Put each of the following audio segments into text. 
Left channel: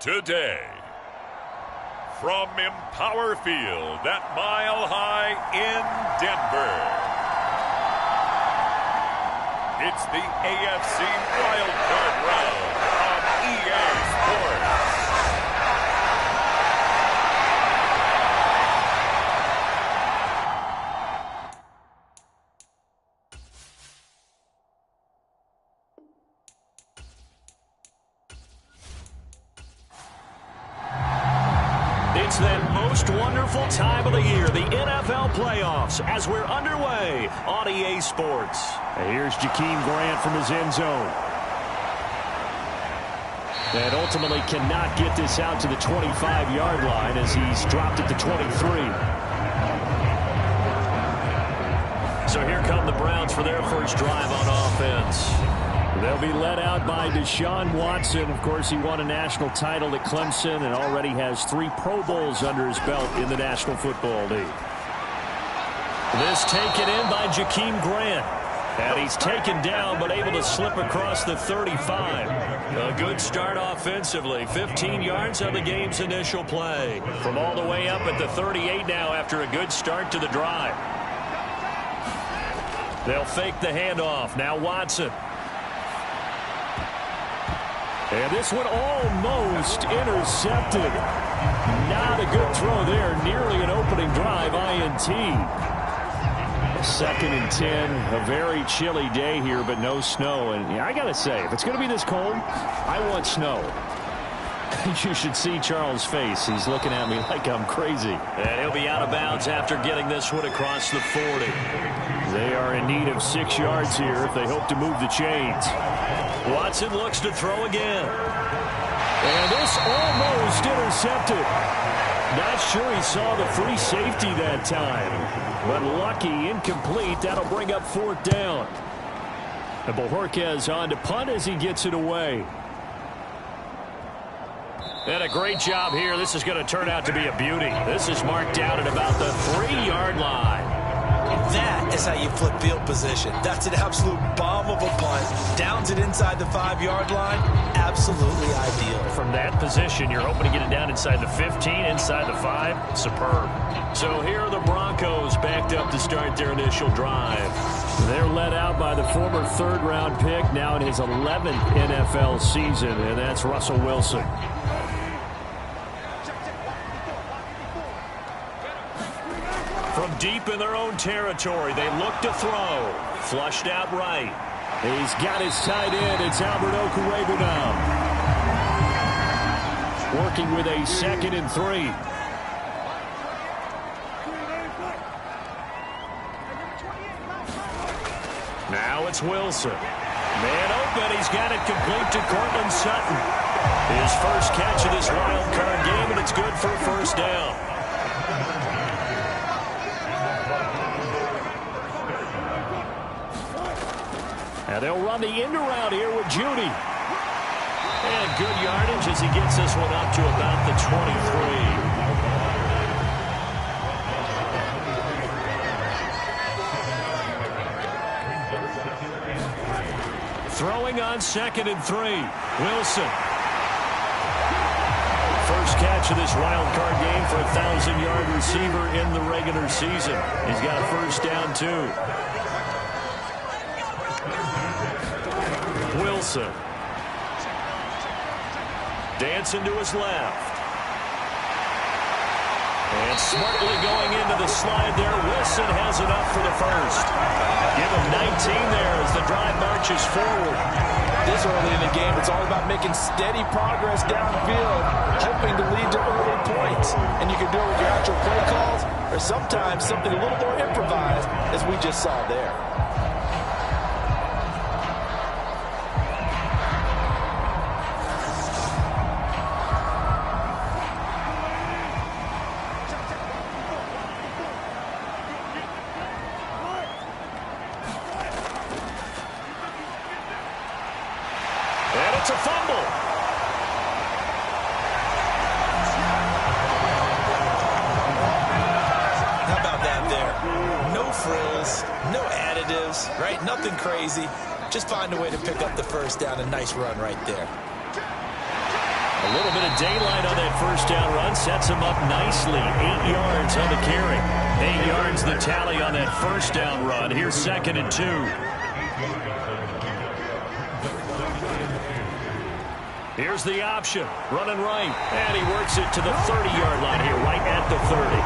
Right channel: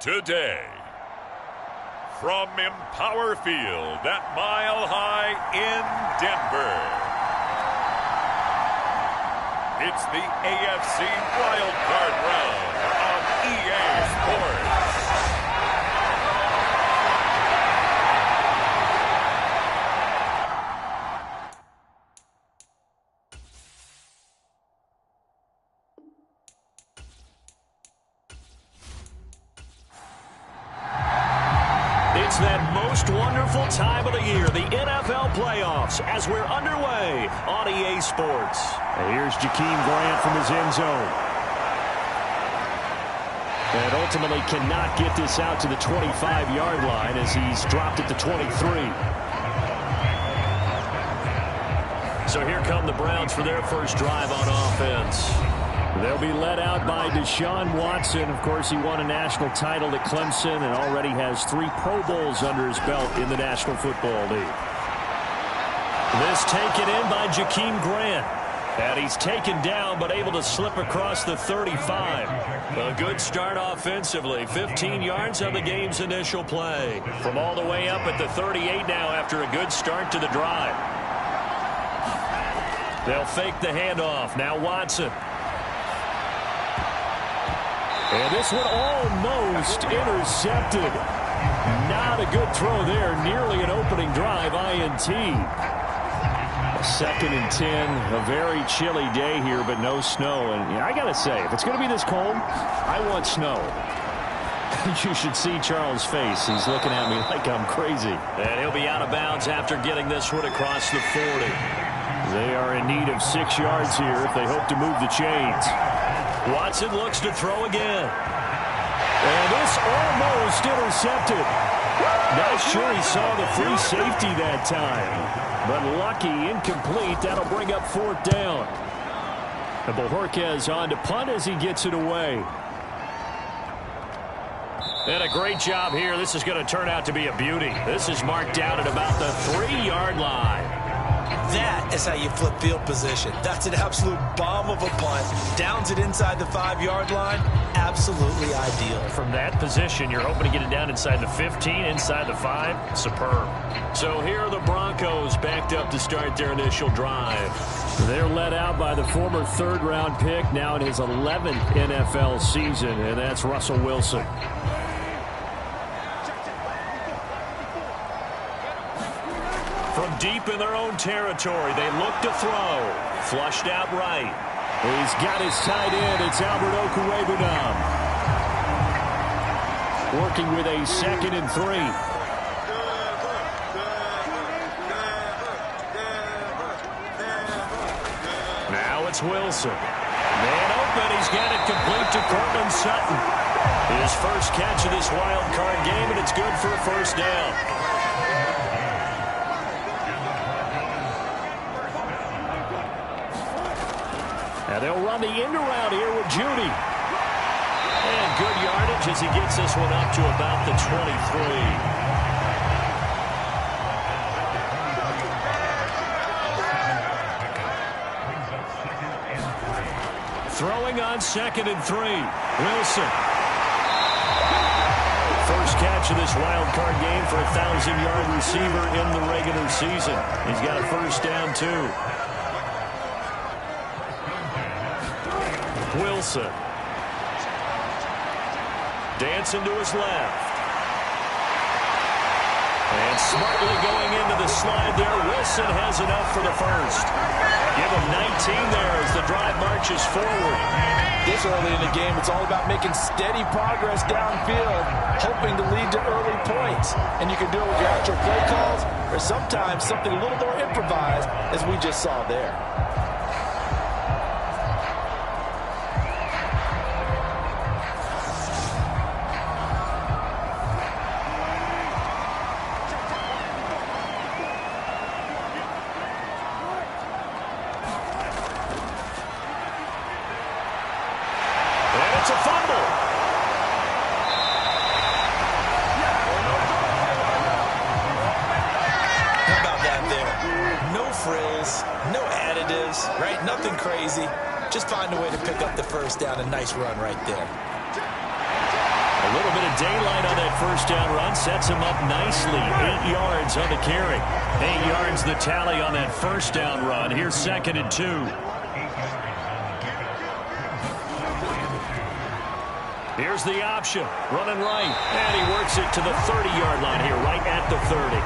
Today, from Empower Field at Mile High in Denver, it's the AFC Wild Card Round on EA Sports. It's that most wonderful time of the year, the NFL playoffs, as we're underway on EA Sports. And here's Jakeem Grant from his end zone. And ultimately cannot get this out to the 25-yard line as he's dropped at the 23. So here come the Browns for their first drive on offense. They'll be led out by Deshaun Watson. Of course, he won a national title at Clemson and already has 3 Pro Bowls under his belt in the National Football League. This taken in by Jakeem Grant. And he's taken down but able to slip across the 35. A good start offensively. 15 yards on the game's initial play. From all the way up at the 38 now after a good start to the drive. They'll fake the handoff. Now Watson. And this one almost intercepted. Not a good throw there. Nearly an opening drive, INT. 2nd and 10. A very chilly day here, but no snow. And I got to say, if it's going to be this cold, I want snow. You should see Charles' face. He's looking at me like I'm crazy. And he'll be out of bounds after getting this one across the 40. They are in need of 6 yards here if they hope to move the chains. Watson looks to throw again. And this almost intercepted. Not sure he saw the free safety that time. But lucky, incomplete. That'll bring up 4th down. And Bojorquez on to punt as he gets it away. And a great job here. This is going to turn out to be a beauty. This is marked down at about the 3-yard line. That is how you flip field position. That's an absolute bomb of a punt. Downs it inside the 5-yard line. Absolutely ideal. From that position, you're hoping to get it down inside the 15, inside the 5. Superb. So here are the Broncos backed up to start their initial drive. They're led out by the former 3rd-round pick, now in his 11th NFL season, and that's Russell Wilson. From deep in their own territory, they look to throw. Flushed out right. He's got his tight end. It's Albert Okwuegbunam. Working with a 2nd and 3. Now it's Wilson. Man open. He's got it complete to Cortland Sutton. His first catch of this wild card game, and it's good for a 1st down. Now they'll run the end around here with Judy. And good yardage as he gets this one up to about the 23. Throwing on 2nd and 3. Wilson. First catch of this wild card game for a 1,000-yard receiver in the regular season. He's got a 1st down, too. Wilson. Dancing to his left. And smartly going into the slide there. Wilson has enough for the 1st. Give him 19 there as the drive marches forward. This early in the game, it's all about making steady progress downfield, hoping to lead to early points. And you can do it with your actual play calls or sometimes something a little more improvised, as we just saw there. And it's a fumble. How about that there? No frills, no additives, right? Nothing crazy. Just find a way to pick up the 1st down. A nice run right there. A little bit of daylight on that first down run sets him up nicely. 8 yards on the carry. 8 yards the tally on that first down run. Here's 2nd and 2. Here's the option. Running right. And he works it to the 30-yard line here, right at the 30.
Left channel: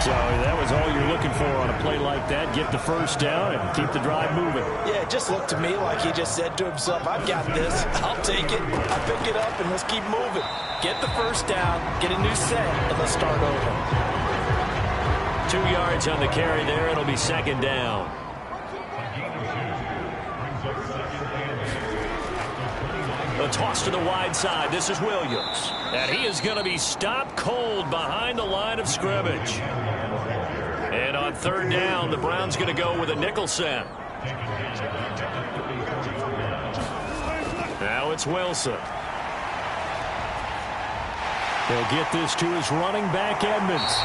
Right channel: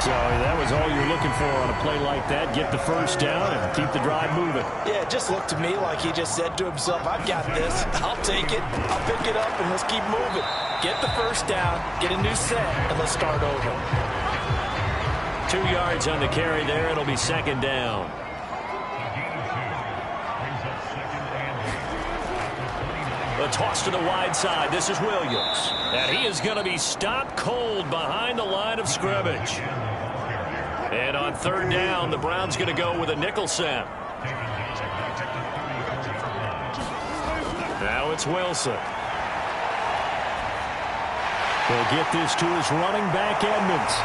So that was all you're looking for on a play like that. Get the first down and keep the drive moving. Yeah, it just looked to me like he just said to himself, I've got this. I'll take it. I'll pick it up, and let's keep moving. Get the first down, get a new set, and let's start over. 2 yards on the carry there. It'll be 2nd down. A toss to the wide side. This is Williams. And he is going to be stopped cold behind the line of scrimmage. And on 3rd down, the Browns going to go with a nickel set. Now it's Wilson. He'll get this to his running back, Edmonds.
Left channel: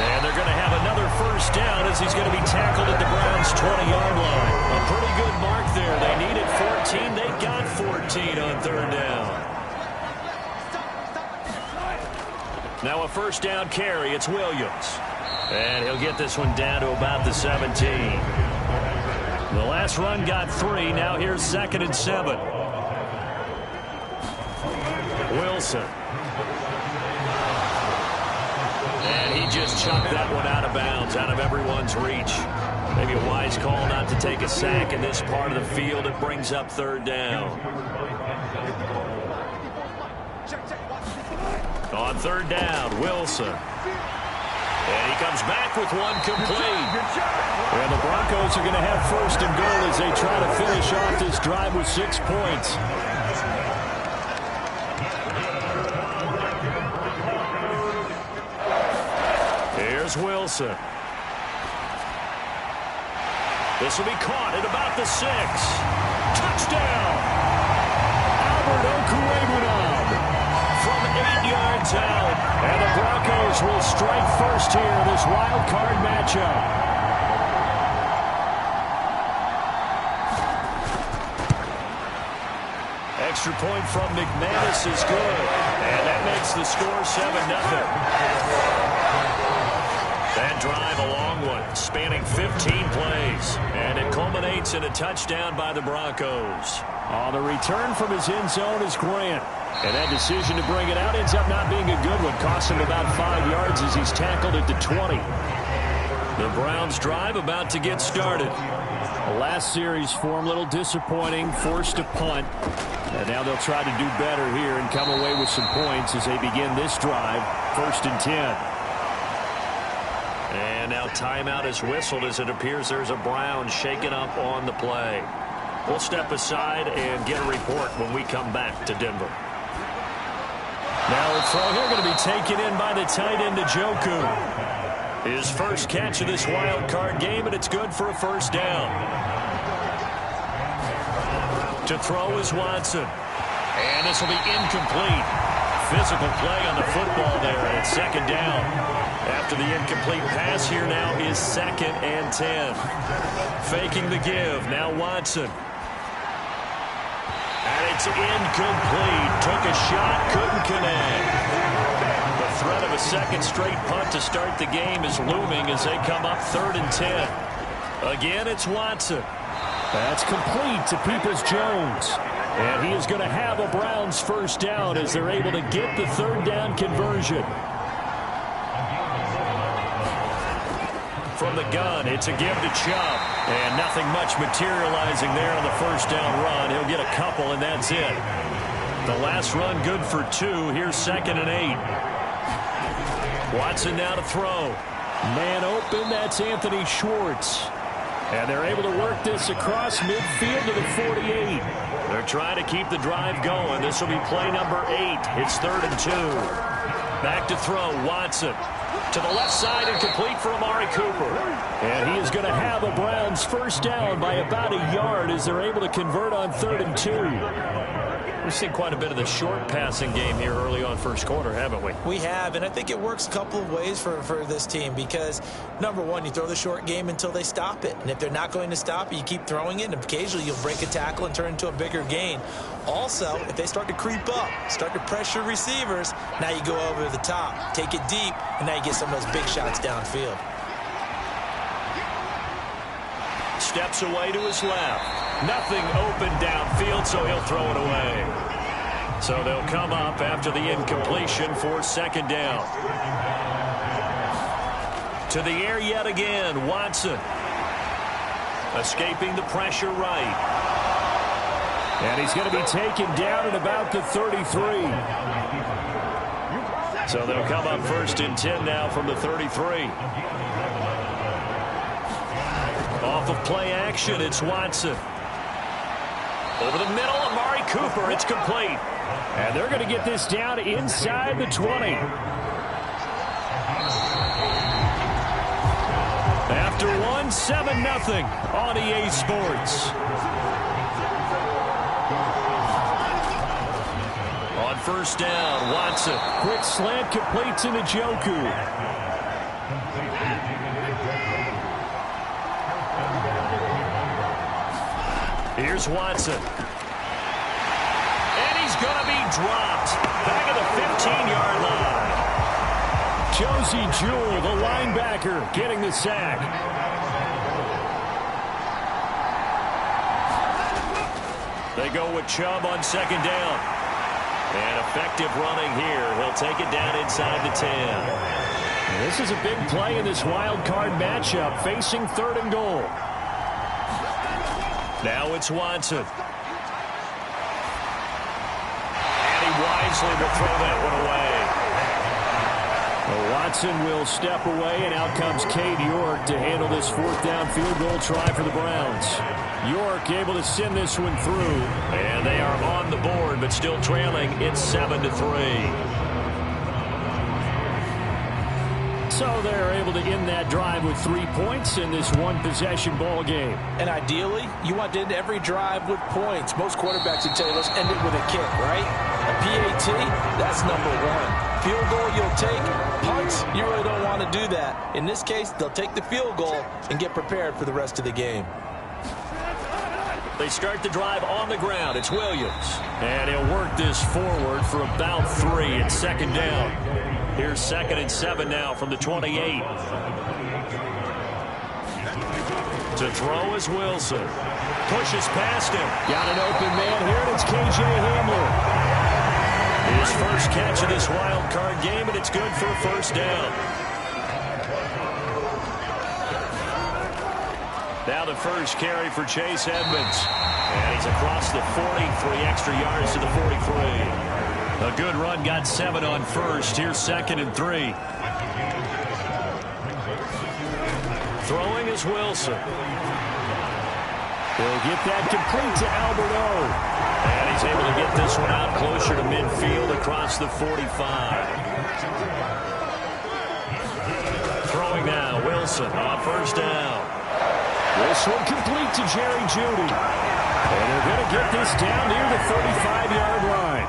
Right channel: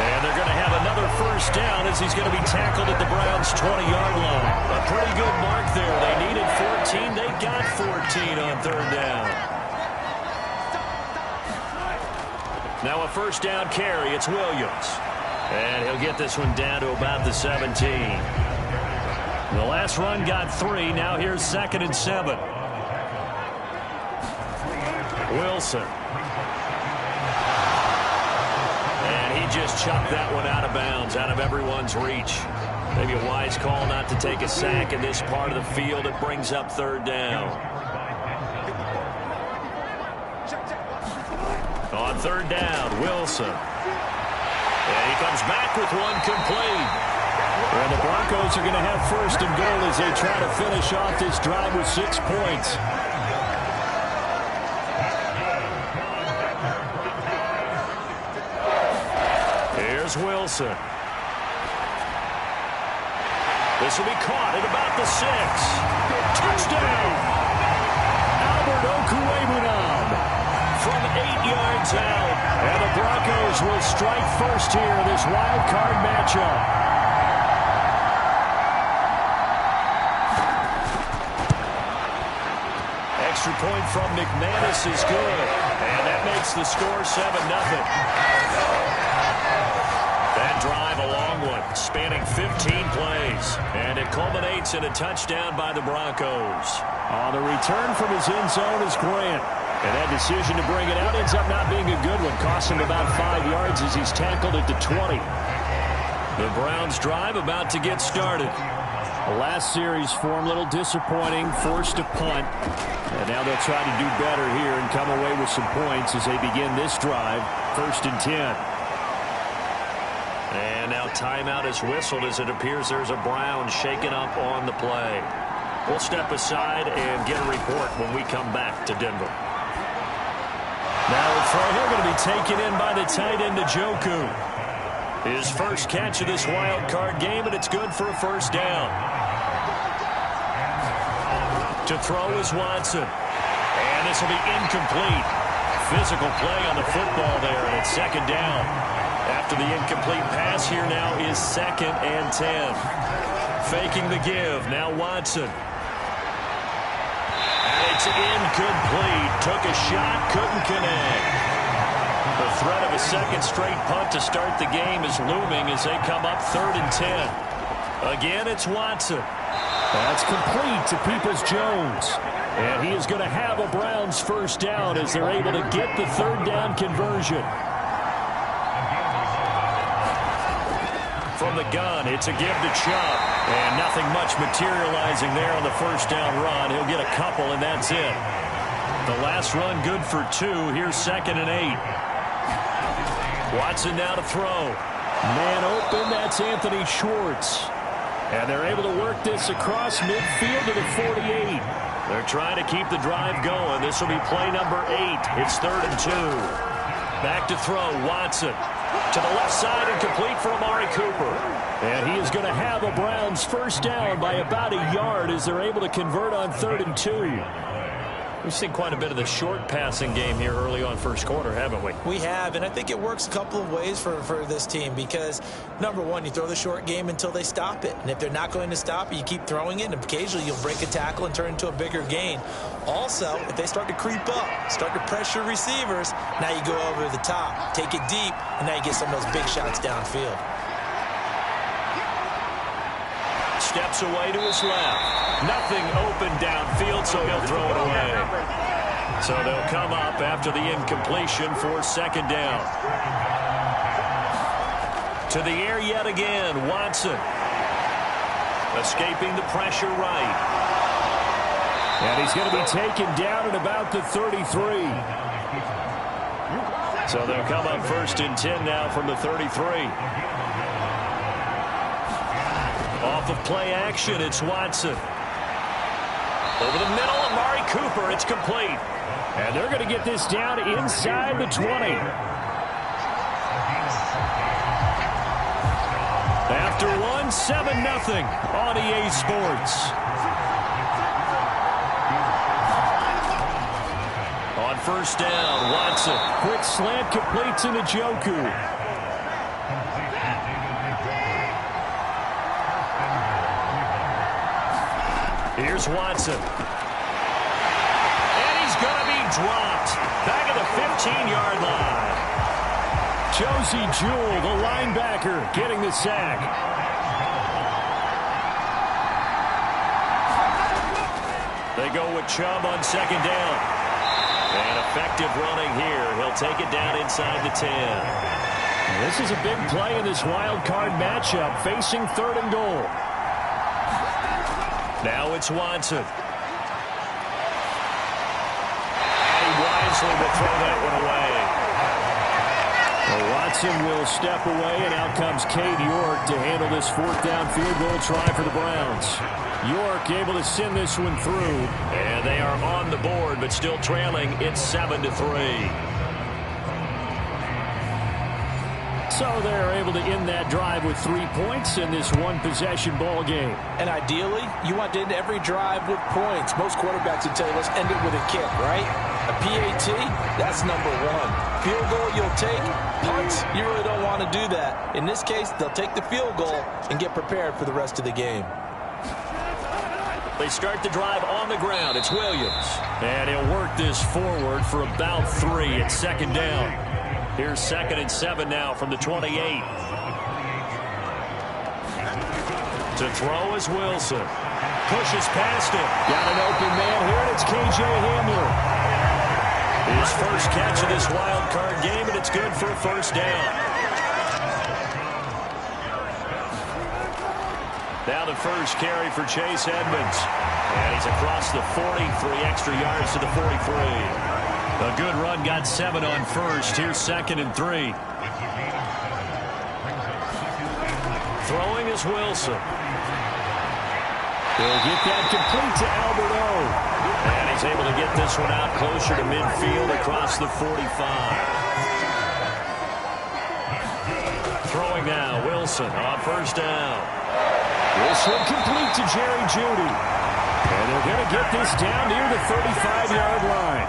And they're going to have another first down as he's going to be tackled at the Browns' 20-yard line. A pretty good mark there. They needed 14. They got 14 on 3rd down. Now a first down carry. It's Williams. And he'll get this one down to about the 17. The last run got 3. Now here's 2nd and 7. Wilson. And he just chucked that one out of bounds, out of everyone's reach. Maybe a wise call not to take a sack in this part of the field. It brings up 3rd down. On 3rd down, Wilson. And he comes back with one complete. And the Broncos are going to have 1st and goal as they try to finish off this drive with 6 points. Here's Wilson. This will be caught at about the 6. Touchdown! Albert Okwuegbunam from 8 yards out. And the Broncos will strike first here in this wild card matchup. Extra point from McManus is good. And that makes the score 7-0. That drive, a long one, spanning 15 plays. And it culminates in a touchdown by the Broncos. On the return from his end zone is Grant. And that decision to bring it out ends up not being a good one. Cost him about 5 yards as he's tackled at the 20. The Browns drive about to get started. The last series for him, a little disappointing, forced to punt. And now they'll try to do better here and come away with some points as they begin this drive. 1st and 10. And now timeout is whistled as it appears there's a Brown shaken up on the play. We'll step aside and get a report when we come back to Denver. Now a throw here going to be taken in by the tight end, Njoku. His first catch of this wild card game, and it's good for a 1st down. To throw is Watson. And this will be incomplete. Physical play on the football there, and it's 2nd down. After the incomplete pass, here now is 2nd and 10. Faking the give. Now Watson. And it's incomplete. Took a shot, couldn't connect. The threat of a 2nd straight punt to start the game is looming as they come up 3rd and 10. Again, it's Watson. That's complete to Peoples-Jones. And he is going to have a Browns 1st down as they're able to get the 3rd down conversion. From the gun, it's a give to Chubb. And nothing much materializing there on the 1st down run. He'll get a couple, and that's it. The last run good for 2. Here's 2nd and 8. Watson now to throw. Man open, that's Anthony Schwartz. And they're able to work this across midfield to the 48. They're trying to keep the drive going. This will be play number 8. It's 3rd and 2. Back to throw, Watson. To the left side and complete for Amari Cooper. And he is going to have a Browns 1st down by about a yard as they're able to convert on 3rd and 2. We've seen quite a bit of the short passing game here early on first quarter, haven't we? We have, and I think it works a couple of ways for this team because, number one, you throw the short game until they stop it. And if they're not going to stop it, you keep throwing it, and occasionally you'll break a tackle and turn into a bigger gain. Also, if they start to creep up, start to pressure receivers, now you go over the top, take it deep, and now you get some of those big shots downfield. Steps away to his left. Nothing open downfield, so he'll throw it away. So they'll come up after the incompletion for second down. To the air yet again, Watson. Escaping the pressure right. And he's going to be taken down at about the 33. So they'll come up 1st and 10 now from the 33. Off of play action, it's Watson. Over the middle, Amari Cooper, it's complete. And they're going to get this down inside the 20. After one, 7-0 on EA Sports. On 1st down, Watson. Quick slant complete to Njoku. Here's Watson. And he's going to be dropped. Back at the 15-yard line. Josie Jewell, the linebacker, getting the sack. They go with Chubb on 2nd down. And effective running here. He'll take it down inside the 10. And this is a big play in this wild card matchup, facing 3rd and goal. Now it's Watson. And he wisely will throw that one away. Well, Watson will step away, and out comes Cade York to handle this 4th down field goal try for the Browns. York able to send this one through. And they are on the board, but still trailing. It's 7-3. So they're able to end that drive with 3 points in this one-possession ball game. And ideally, you want to end every drive with points. Most quarterbacks would tell you, let's end it with a kick, right? A PAT, that's number one. Field goal you'll take. Punts, you really don't want to do that. In this case, they'll take the field goal and get prepared for the rest of the game. They start the drive on the ground. It's Williams. And he'll work this forward for about 3 at 2nd down. Here's 2nd and 7 now from the 28. To throw is Wilson. Pushes past him. Got an open man here, and it's KJ Hamler. His first catch of this wild card game, and it's good for a 1st down. Now the first carry for Chase Edmonds. And he's across the 40, 3 extra yards to the 43. A good run, got 7 on 1st. Here's 2nd and 3. Throwing is Wilson. He'll get that complete to Alberto. And he's able to get this one out closer to midfield across the 45. Throwing now, Wilson on 1st down. This one complete to Jerry Jeudy. And they're going to get this down near the 35-yard line.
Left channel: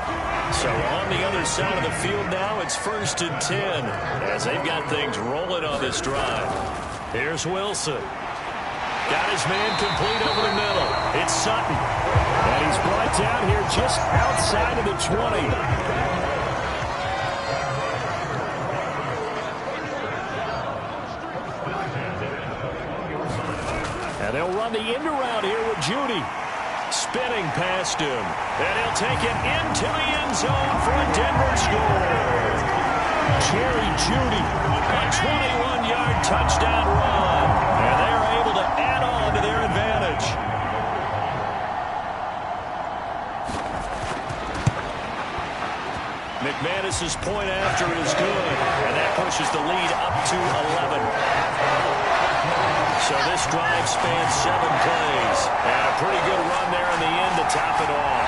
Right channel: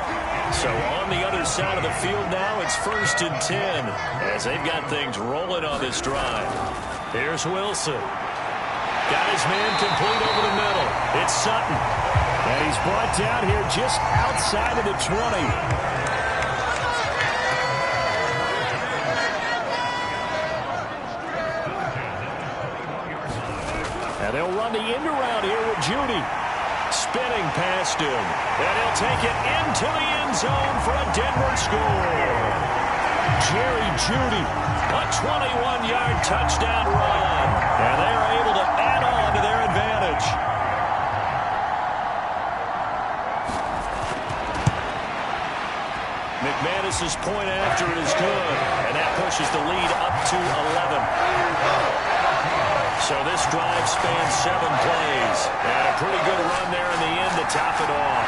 So on the other side of the field now, it's 1st and 10 as they've got things rolling on this drive. Here's Wilson. Got his man complete over the middle. It's Sutton. And he's brought down here just outside of the 20. And they'll run the end around here with Jeudy. Spinning past him. And he'll take it into the end zone for a Denver score. Jerry Jeudy. A 21-yard touchdown run. And they are able to add on to their advantage. McManus's point after is good. And that pushes the lead up to 11. So this drive spans 7 plays. And a pretty good run there in the end to top it off.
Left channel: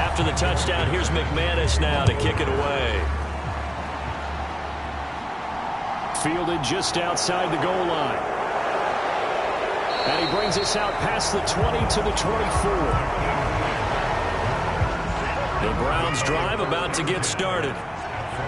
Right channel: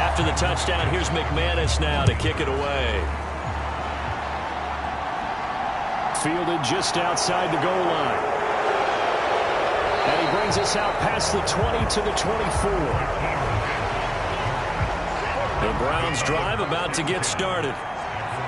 After the touchdown, here's McManus now to kick it away. Fielded just outside the goal line. And he brings us out past the 20 to the 24. The Browns drive about to get started.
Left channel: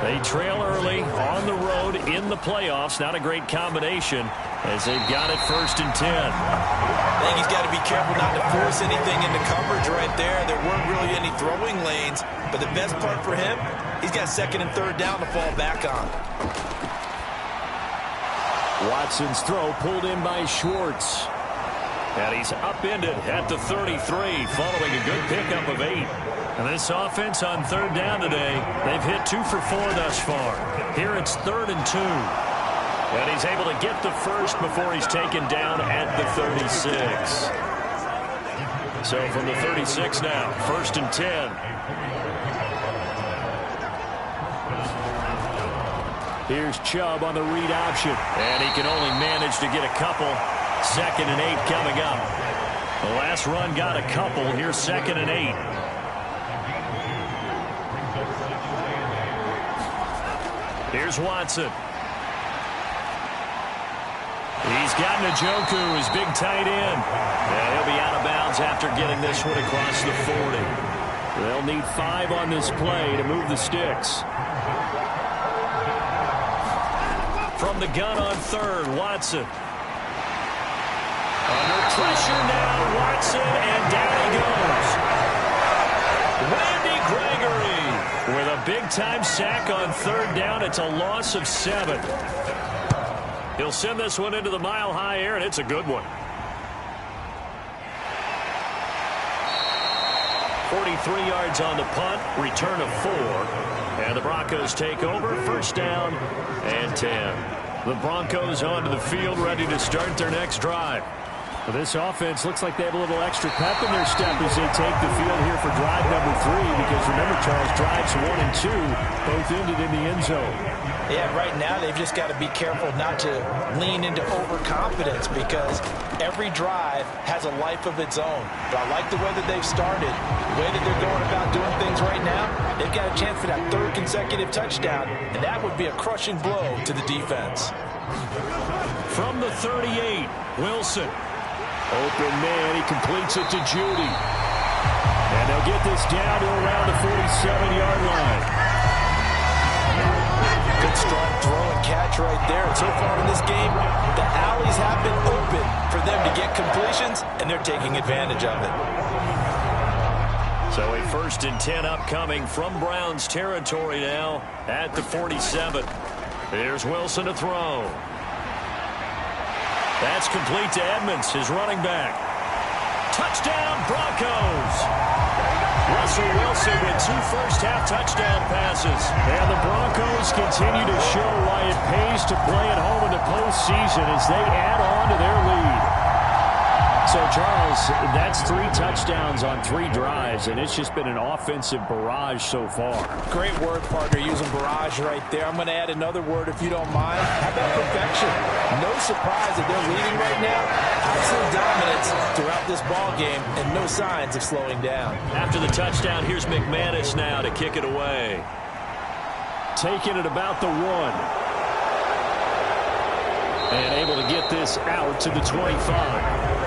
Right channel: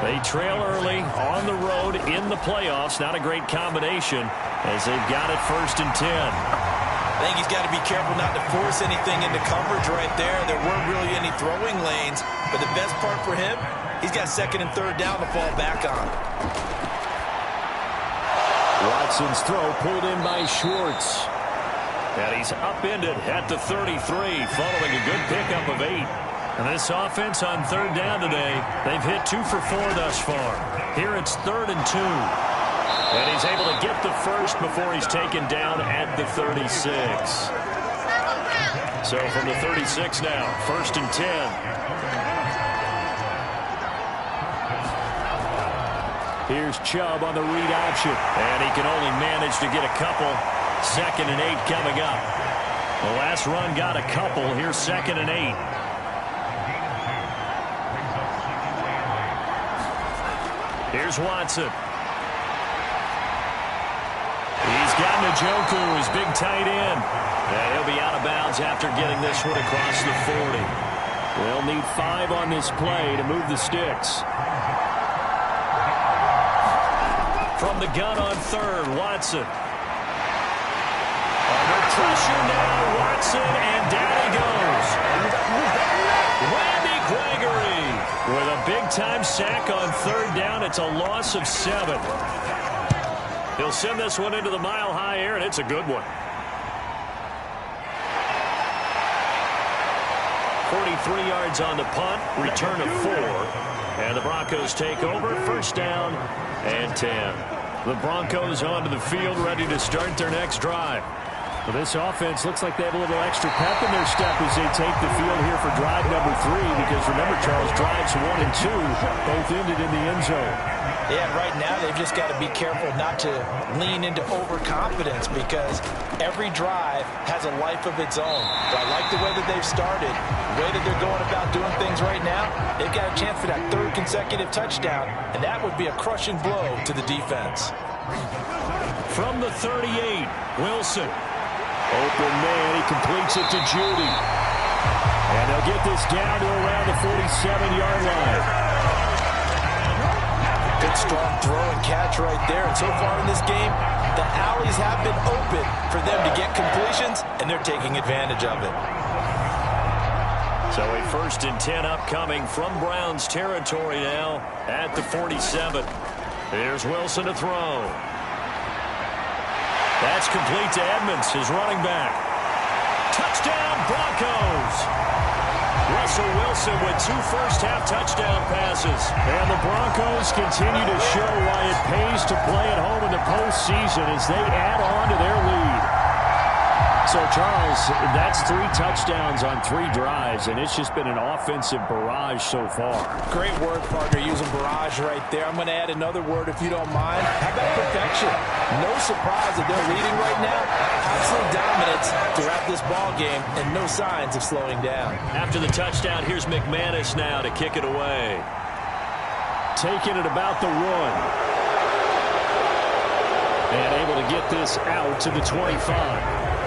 They trail early on the road in the playoffs. Not a great combination as they've got it 1st and 10. I think he's got to be careful not to force anything into coverage right there. There weren't really any throwing lanes, but the best part for him, he's got 2nd and 3rd down to fall back on. Watson's throw pulled in by Schwartz. And he's upended at the 33 following a good pickup of 8. And this offense on 3rd down today, they've hit 2 for 4 thus far. Here it's 3rd and 2. And he's able to get the first before he's taken down at the 36. So from the 36 now, 1st and 10. Here's Chubb on the read option. And he can only manage to get a couple. 2nd and 8 coming up. The last run got a couple. Here's 2nd and 8. Here's Watson. He's got Njoku, his big tight end. And he'll be out of bounds after getting this one across the 40. They'll need 5 on this play to move the sticks. From the gun on 3rd, Watson. Under pressure now, Watson, and down he goes. Randy Gregory with a big-time sack on 3rd down. It's a loss of 7. He'll send this one into the mile-high air, and it's a good one. 43 yards on the punt, return of 4. And the Broncos take over, 1st down and 10. The Broncos onto the field, ready to start their next drive. Well, this offense looks like they have a little extra pep in their step as they take the field here for drive number 3. Because remember, Charles, drives 1 and 2 both ended in the end zone. Yeah, right now they've just got to be careful not to lean into overconfidence because every drive has a life of its own. But I like the way that they've started, the way that they're going about doing things right now. They've got a chance for that 3rd consecutive touchdown, and that would be a crushing blow to the defense. From the 38, Wilson. Open man, he completes it to Judy. And they'll get this down to around the 47-yard line. Good strong throw and catch right there. And so far in this game, the alleys have been open for them to get completions, and they're taking advantage of it. So a 1st and 10 upcoming from Browns territory now at the 47. Here's Wilson to throw. That's complete to Edmonds, his running back. Touchdown, Broncos. Russell Wilson with 2 first-half touchdown passes. And the Broncos continue to show why it pays to play at home in the postseason as they add on to their lead. So, Charles, that's 3 touchdowns on 3 drives, and it's just been an offensive barrage so far. Great word, partner, using barrage right there. I'm going to add another word if you don't mind. How about perfection? No surprise that they're leading right now. Absolute dominance throughout this ball game, and no signs of slowing down. After the touchdown, here's McManus now to kick it away. Taking it about the 1. And able to get this out to the 25.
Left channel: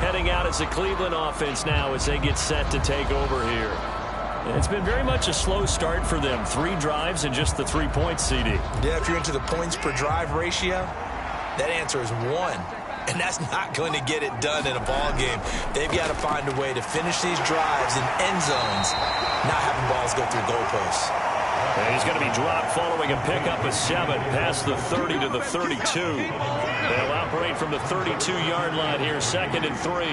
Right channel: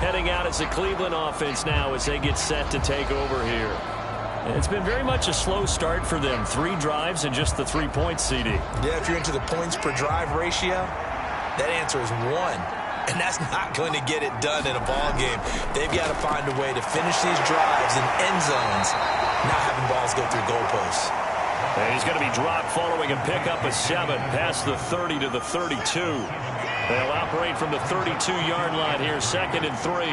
Heading out as the Cleveland offense now as they get set to take over here. It's been very much a slow start for them. 3 drives and just the 3 points, CD. Yeah, if you're into the points per drive ratio, that answer is 1. And that's not going to get it done in a ball game. They've got to find a way to finish these drives in end zones, not having balls go through goalposts. And he's going to be dropped following a pickup of 7 past the 30 to the 32. They'll operate from the 32-yard line here, 2nd and 3.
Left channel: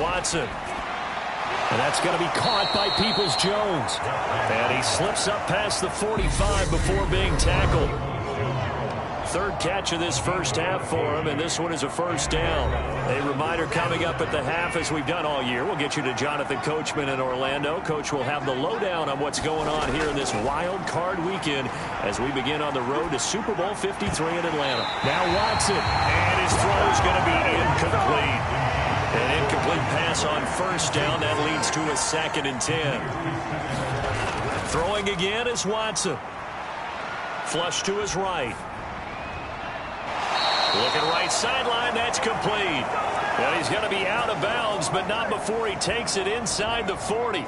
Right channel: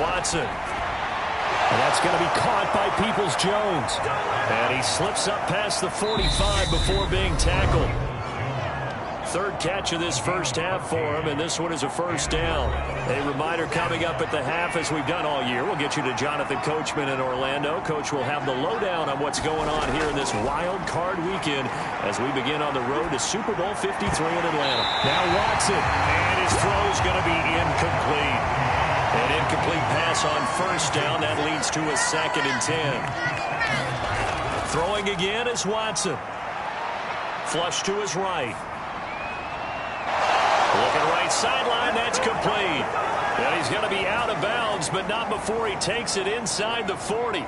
Watson. And that's going to be caught by Peoples-Jones. And he slips up past the 45 before being tackled. 3rd catch of this first half for him, and this one is a 1st down. A reminder coming up at the half, as we've done all year. We'll get you to Jonathan Coachman in Orlando. Coach will have the lowdown on what's going on here in this wild card weekend as we begin on the road to Super Bowl 53 in Atlanta. Now Watson. And his throw is going to be incomplete. An incomplete pass on 1st down. That leads to a 2nd and 10. Throwing again is Watson. Flush to his right. Looking right sideline, that's complete. And he's going to be out of bounds, but not before he takes it inside the 40.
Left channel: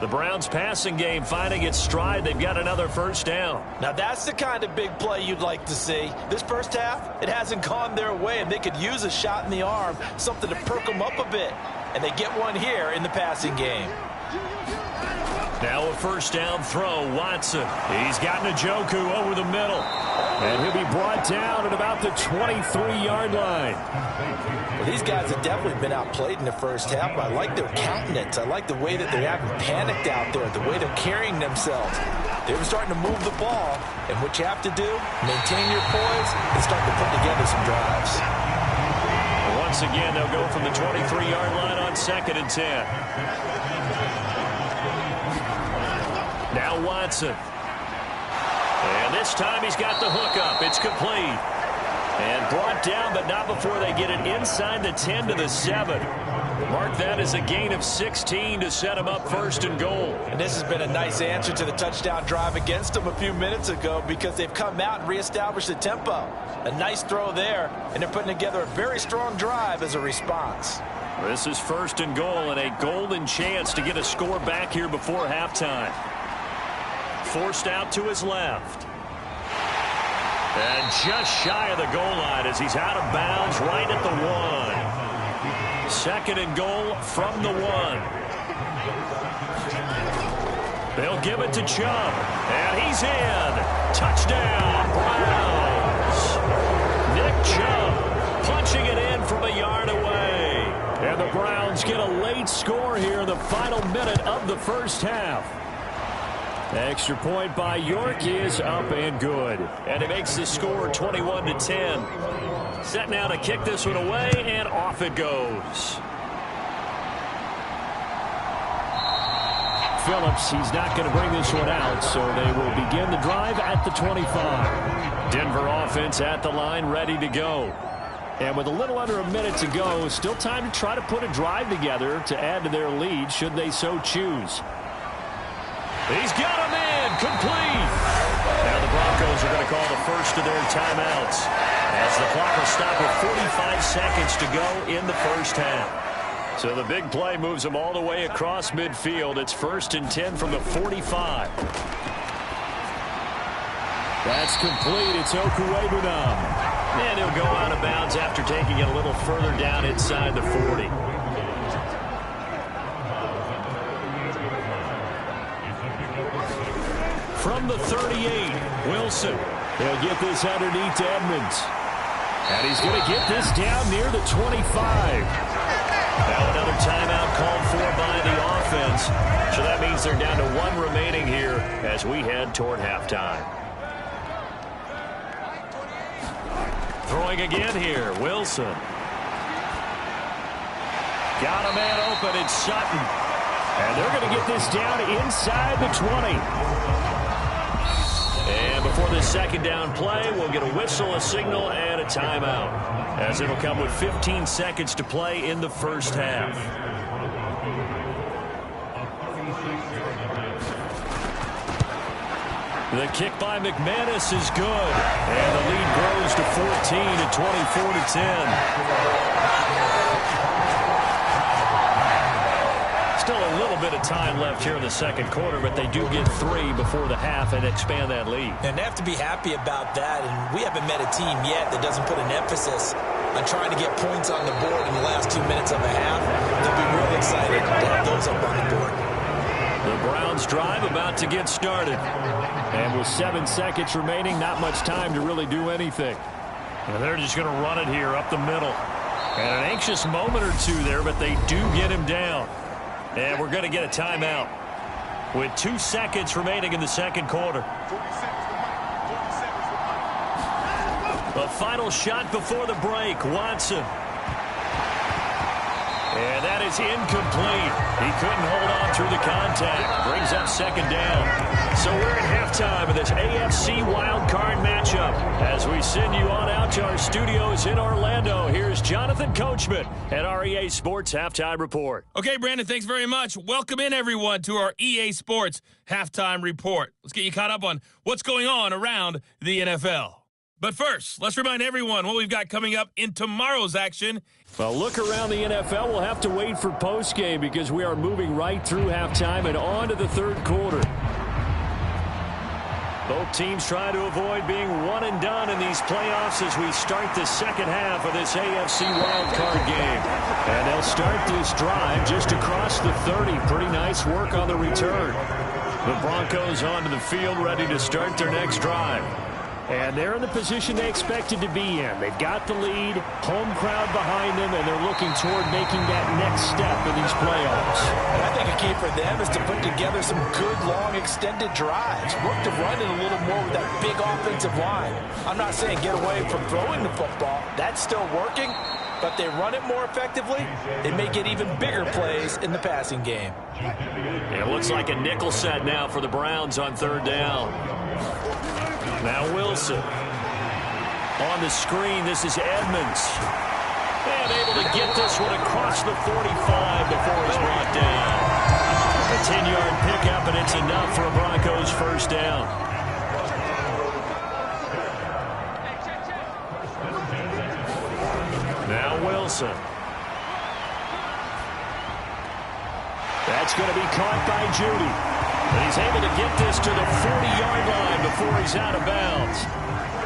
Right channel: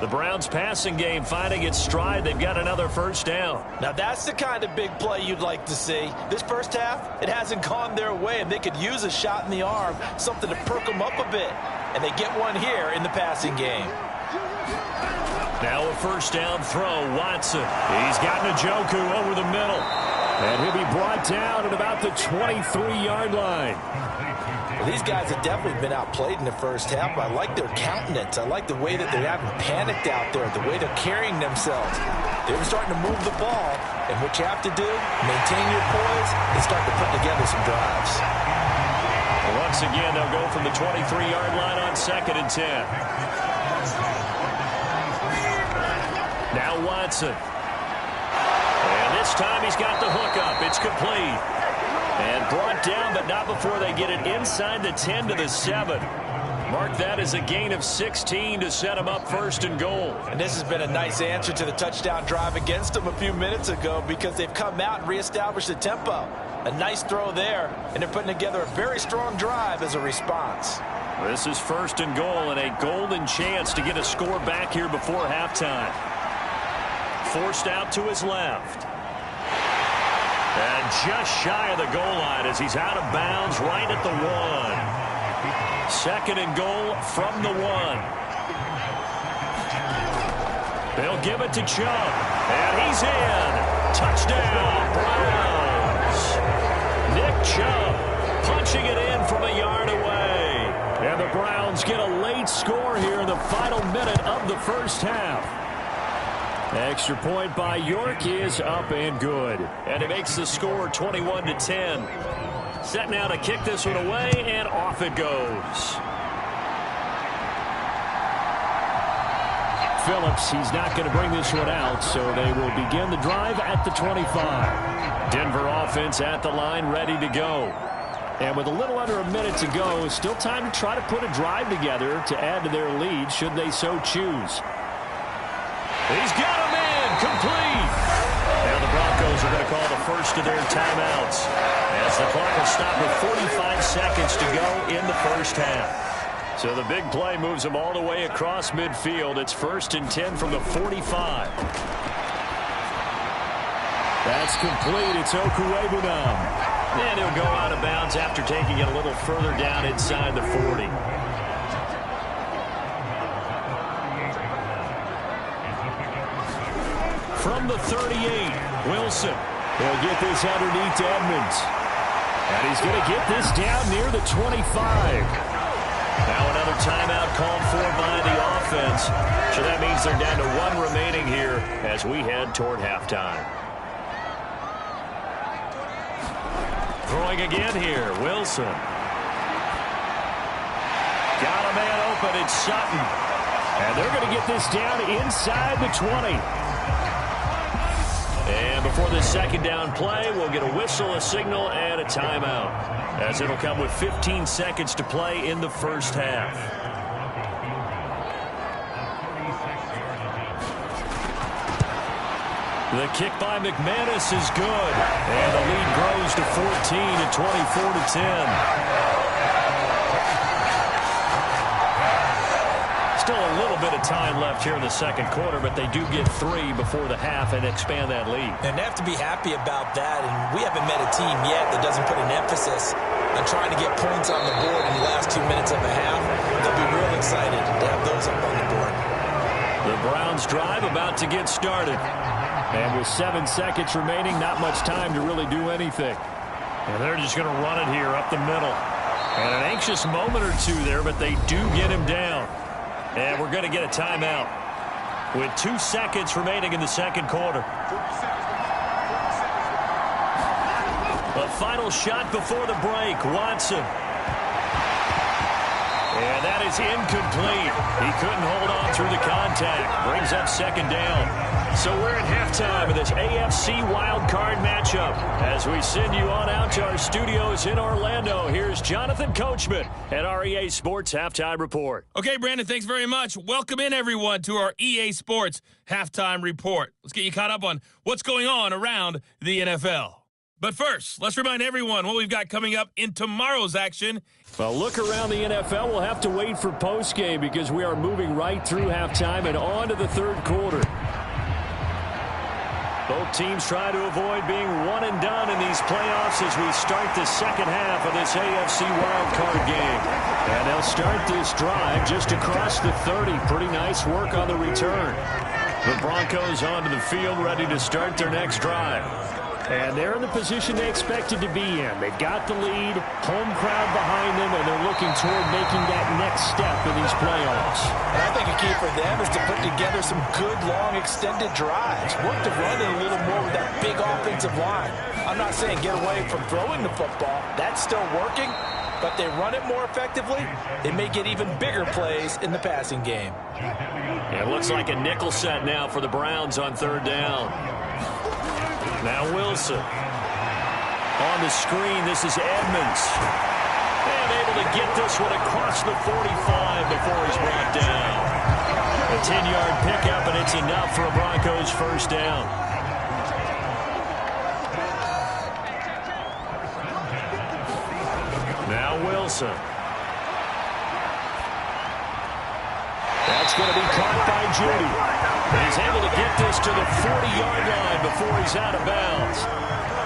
The Browns passing game finding its stride. They've got another first down. Now that's the kind of big play you'd like to see. This first half, it hasn't gone their way, and they could use a shot in the arm, something to perk them up a bit. And they get one here in the passing game. Now a first down throw, Watson. He's got Njoku over the middle. And he'll be brought down at about the 23-yard line. Well, these guys have definitely been outplayed in the first half. I like their countenance. I like the way that they haven't panicked out there, the way they're carrying themselves. They were starting to move the ball, and what you have to do, maintain your poise and start to put together some drives. Once again, they'll go from the 23-yard line on 2nd and 10. Now Watson. And this time he's got the hook up. It's complete. And brought down, but not before they get it inside the 10 to the 7. Mark that as a gain of 16 to set him up 1st and goal. And this has been a nice answer to the touchdown drive against them a few minutes ago because they've come out and reestablished the tempo. A nice throw there, and they're putting together a very strong drive as a response. This is 1st and goal and a golden chance to get a score back here before halftime. Forced out to his left. And just shy of the goal line as he's out of bounds right at the 1. 2nd and goal from the 1. They'll give it to Chubb. And he's in. Touchdown, Browns. Nick Chubb punching it in from a yard away. And the Browns get a late score here in the final minute of the first half. Extra point by York is up and good. And it makes the score 21-10. Set now to kick this one away, and off it goes. Phillips, he's not going to bring this one out, so they will begin the drive at the 25. Denver offense at the line, ready to go. And with a little under a minute to go, still time to try to put a drive together to add to their lead should they so choose. He's got him in, complete. Now the Broncos are going to call the first of their timeouts as the clock will stop with 45 seconds to go in the first half. So the big play moves them all the way across midfield. It's 1st and 10 from the 45. That's complete. It's Okuwebunam. And he'll go out of bounds after taking it a little further down inside the 40. From the 38, Wilson. He'll get this underneath to Edmonds. And he's going to get this down near the 25. Now another timeout called for by the offense. So that means they're down to 1 remaining here as we head toward halftime. Throwing again here, Wilson. Got a man open, it's Sutton. And they're going to get this down inside the 20. And before this second down play, we'll get a whistle, a signal, and a timeout, as it'll come with 15 seconds to play in the first half. The kick by McManus is good, and the lead grows to 14 at 24-10. Still a little bit of time left here in the second quarter, but they do get 3 before the half and expand that lead. And they have to be happy about that, and we haven't met a team yet that doesn't put an emphasis on trying to get points on the board in the last 2 minutes of a half. They'll be real excited to have those up on the board. The Browns drive about to get started. And with 7 seconds remaining, not much time to really do anything. And they're just going to run it here up the middle. And an anxious moment or two there, but they do get him down. And we're going to get a timeout with 2 seconds remaining in the second quarter. A final shot before the break. Watson. And that is incomplete. He couldn't hold on through the contact. Brings up second down. So we're at halftime of this AFC wildcard matchup. As we send you on out to our studios in Orlando, here's Jonathan Coachman at our EA Sports Halftime Report. Okay, Brandon, thanks very much. Welcome in, everyone, to our EA Sports Halftime Report. Let's get you caught up on what's going on around the NFL. But first, let's remind everyone what we've got coming up in tomorrow's action. Well, look around the NFL. We'll have to wait for postgame because we are moving right through halftime and on to the third quarter. Both teams try to avoid being one and done in these playoffs as we start the second half of this AFC wildcard game. And they'll start this drive just across the 30. Pretty nice work on the return. The Broncos onto the field ready to start their next drive. And they're in the position they expected to be in. They've got the lead, home crowd behind them, and they're looking toward making that next step in these playoffs. And I think a key for them is to put together some good, long, extended drives. Work to run it a little more with that big offensive line. I'm not saying get away from throwing the football. That's still working. But they run it more effectively, they may get even bigger plays in the passing game. It looks like a nickel set now for the Browns on third down. Now Wilson. On the screen, this is Edmonds. And able to get this one across the 45 before he's brought down. A 10-yard pickup, and it's enough for a Broncos first down. Now Wilson. That's going to be caught by Judy. And he's able to get this to the 40-yard line before he's out of bounds.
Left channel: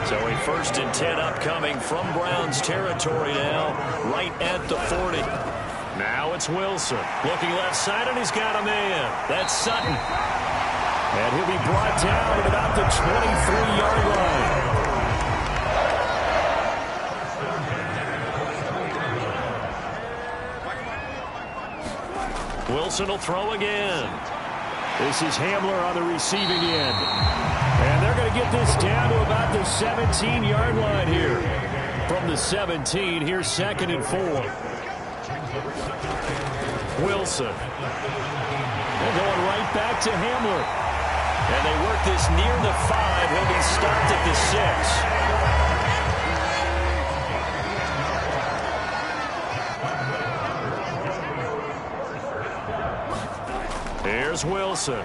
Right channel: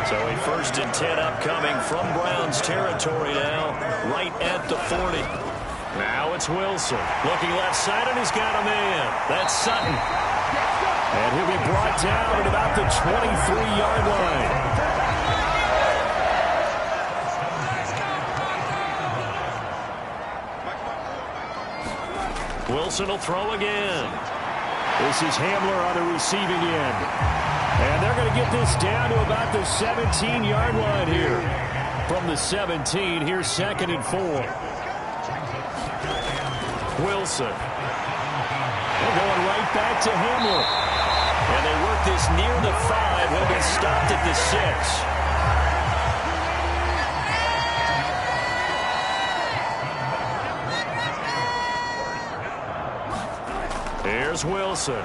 So a 1st and 10 upcoming from Browns territory now, right at the 40. Now it's Wilson. Looking left side, and he's got a man. That's Sutton. And he'll be brought down at about the 23-yard line. Wilson will throw again. This is Hamler on the receiving end. And they're going to get this down to about the 17-yard line here. From the 17, here's 2nd and 4. Wilson. They're going right back to Hamler. And they work this near the 5. He'll be stopped at the 6. Here's Wilson.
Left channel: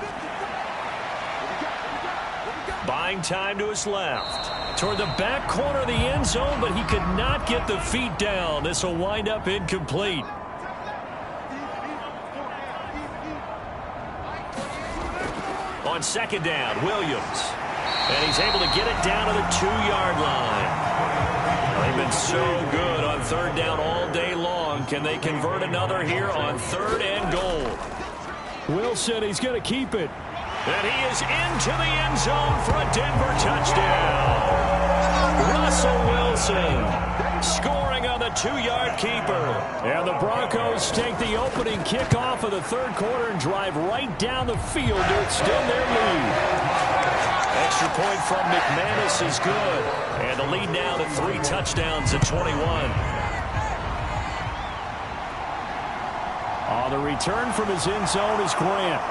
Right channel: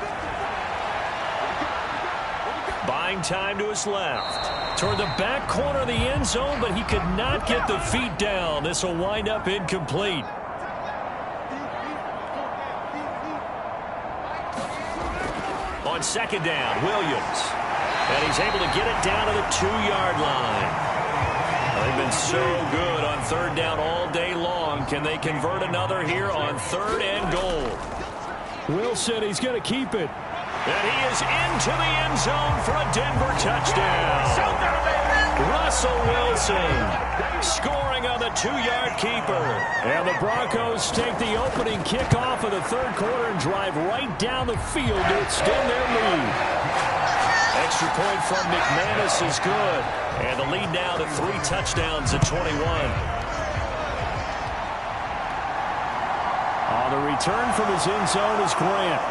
Buying time to his left. Toward the back corner of the end zone, but he could not get the feet down. This will wind up incomplete. On second down, Williams. And he's able to get it down to the 2-yard line. Well, they've been so good on third down all day long. Can they convert another here on 3rd and goal? Wilson, he's going to keep it. And he is into the end zone for a Denver touchdown. Russell Wilson scoring on the 2-yard keeper. And the Broncos take the opening kickoff of the third quarter and drive right down the field to extend their lead. Extra point from McManus is good. And the lead now to 3 touchdowns at 21. On the return from his end zone is Grant.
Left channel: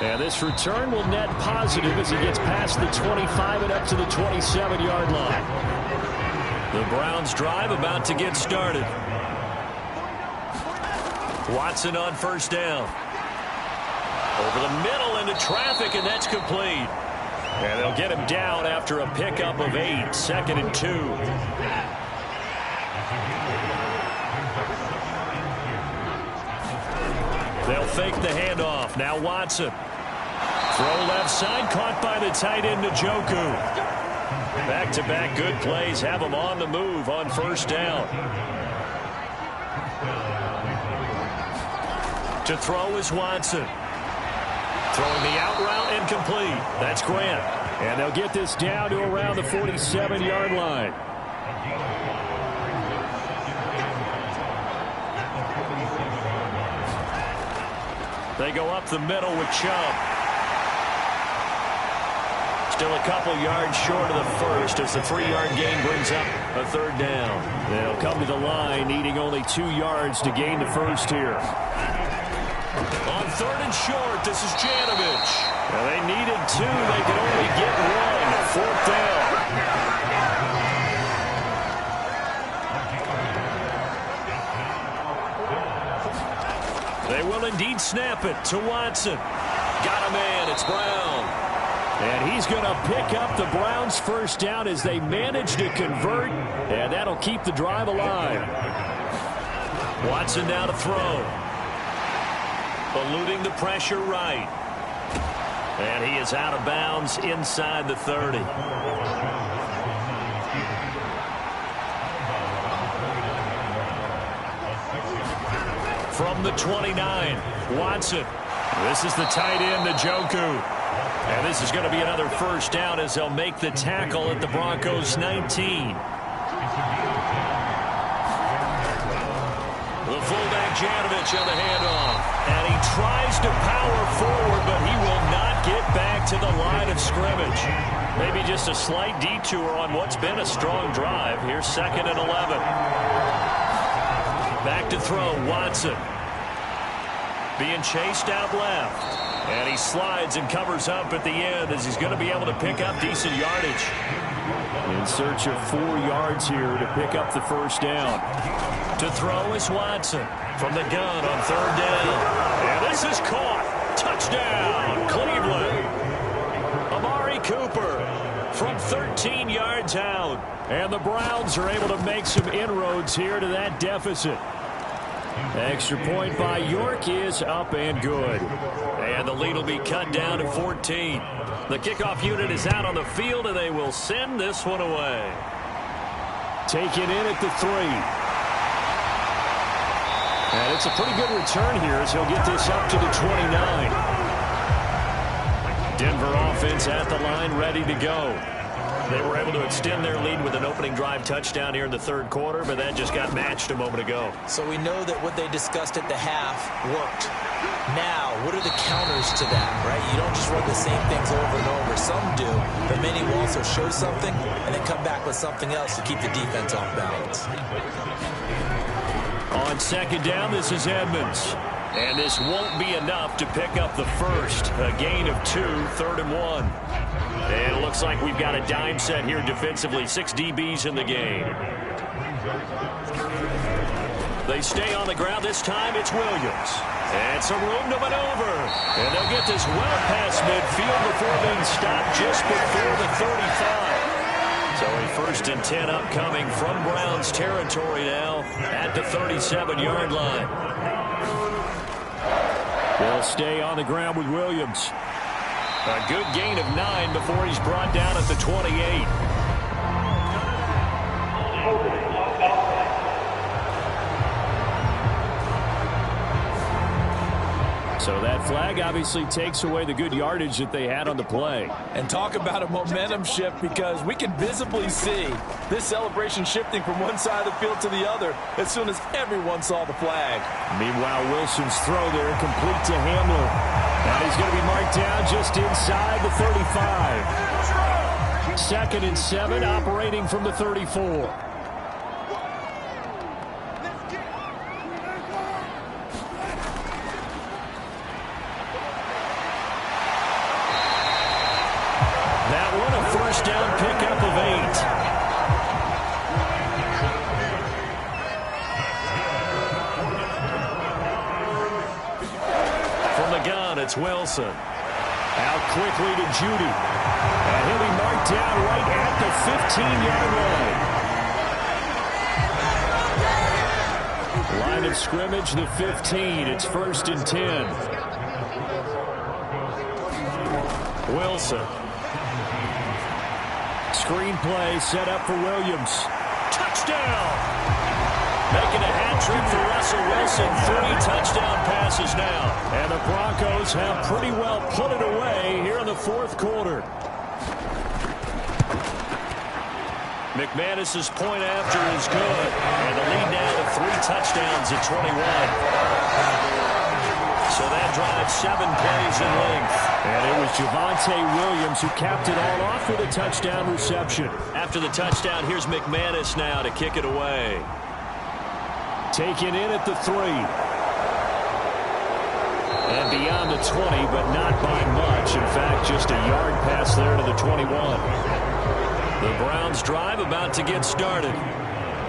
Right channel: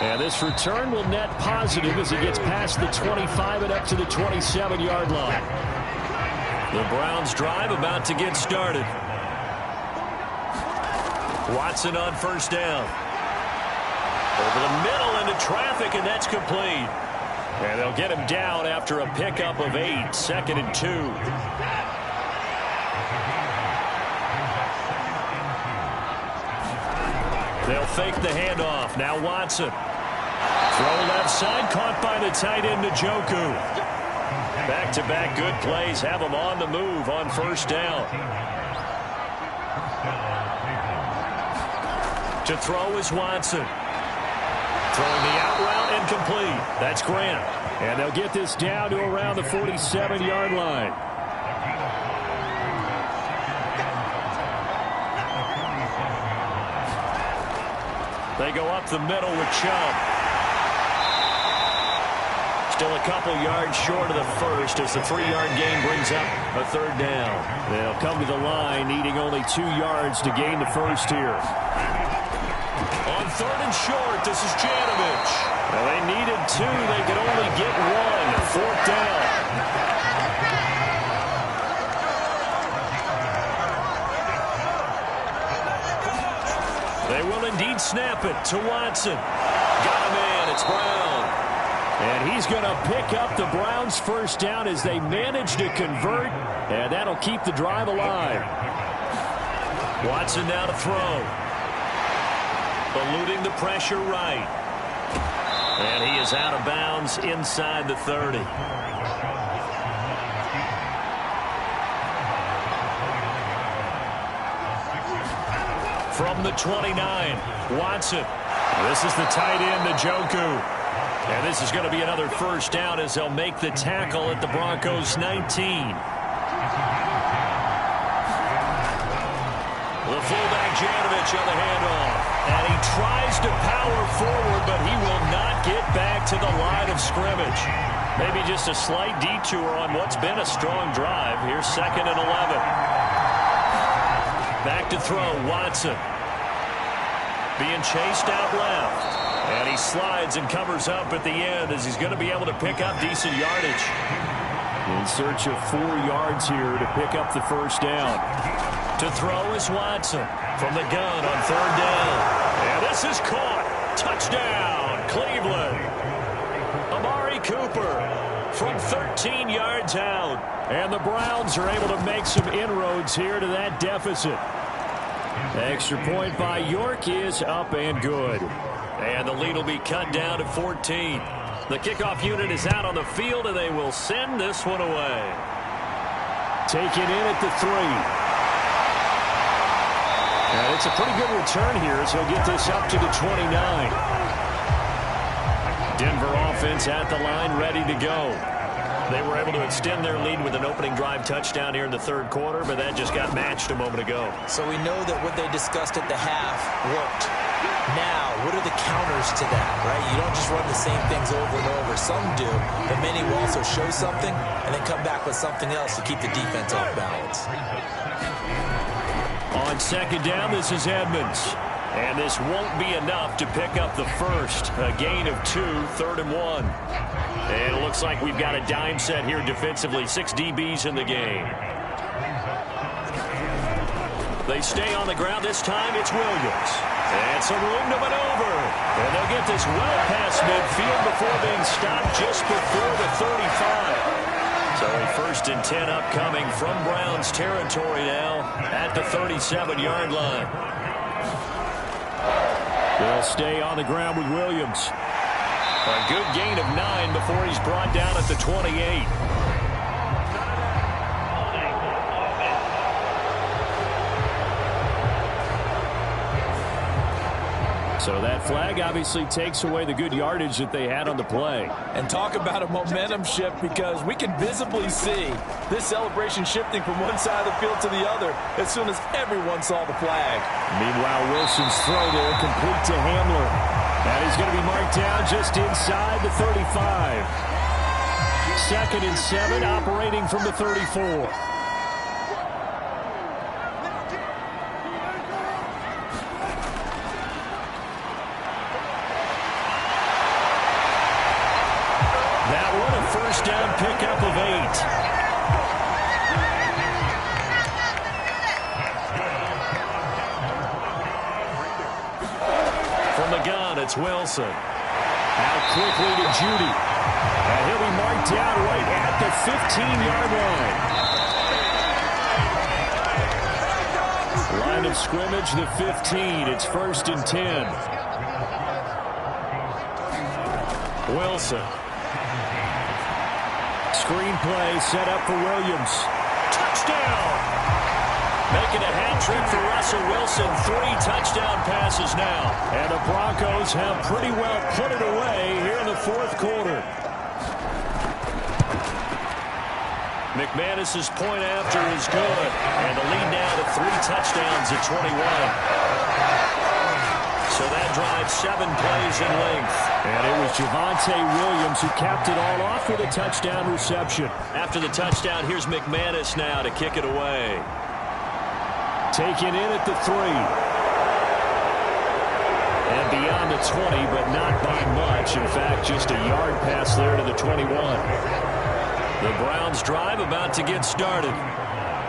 And this return will net positive as he gets past the 25 and up to the 27-yard line. The Browns drive about to get started. Watson on first down. Over the middle into traffic, and that's complete. And they'll get him down after a pickup of 8, 2nd and 2. They'll fake the handoff. Now Watson. Throw left side, caught by the tight end Njoku. Back-to-back good plays have him on the move on first down. To throw is Watson. Throwing the out route incomplete. That's Grant. And they'll get this down to around the 47-yard line. They go up the middle with Chubb. Still a couple yards short of the first as the 3-yard gain brings up a third down. They'll come to the line needing only 2 yards to gain the first here. On 3rd and short, this is Janovich. Well, they needed 2. They could only get 1. 4th down. They will indeed snap it to Watson. Got a man. It's Brown. And he's going to pick up the Browns' first down as they manage to convert. And that'll keep the drive alive. Watson now to throw. Eluding the pressure right. And he is out of bounds inside the 30. From the 29, Watson. This is the tight end, Njoku. And this is going to be another first down as they'll make the tackle at the Broncos' 19. The fullback Janovich on the handoff. And he tries to power forward, but he will not get back to the line of scrimmage. Maybe just a slight detour on what's been a strong drive. Here's 2nd and 11. Back to throw, Watson. Being chased out left. And he slides and covers up at the end as he's going to be able to pick up decent yardage. In search of 4 yards here to pick up the first down. To throw is Watson from the gun on 3rd down. And this is caught. Touchdown, Cleveland. Amari Cooper from 13 yards out. And the Browns are able to make some inroads here to that deficit. Extra point by York is up and good. And the lead will be cut down to 14. The kickoff unit is out on the field, and they will send this one away. Taken in at the 3. And it's a pretty good return here as he'll get this up to the 29. Denver offense at the line, ready to go. They were able to extend their lead with an opening drive touchdown here in the 3rd quarter, but that just got matched a moment ago. So we know that what they discussed at the half worked. Now, what are the counters to that, right? You don't just run the same things over and over. Some do, but many will also show something and then come back with something else to keep the defense off balance. On 2nd down, this is Edmonds. And this won't be enough to pick up the first. A gain of 2, 3rd and 1. And it looks like we've got a dime set here defensively. 6 DBs in the game. They stay on the ground. This time it's Williams. And some room to maneuver. And they'll get this well past midfield before being stopped just before the 35. So a 1st and 10 upcoming from Browns territory now at the 37-yard line. They'll stay on the ground with Williams. A good gain of 9 before he's brought down at the 28. So that flag obviously takes away the good yardage that they had on the play. And talk about a momentum shift, because we can visibly see this celebration shifting from one side of the field to the other as soon as everyone saw the flag. Meanwhile, Wilson's throw there complete to Hamler. And he's going to be marked down just inside the 35. 2nd and 7, operating from the 34. That one a first down pickup of 8. From the gun, it's Wilson. Out quickly to Judy. And he'll be marked down right at the 15-yard line. Line of scrimmage, the 15. It's 1st and 10. Wilson. Screen play set up for Williams. Touchdown! Making a hat trick for Russell Wilson. 3 touchdown passes now. And the Broncos have pretty well put it away here in the 4th quarter. McManus's point after is good. And the lead now to 3 touchdowns at 21. So So that drives 7 plays in length. And it was Javonte Williams who capped it all off with a touchdown reception. After the touchdown, here's McManus now to kick it away. Taken in at the 3. And beyond the 20, but not by much. In fact, just a yard pass there to the 21. The Browns drive about to get started.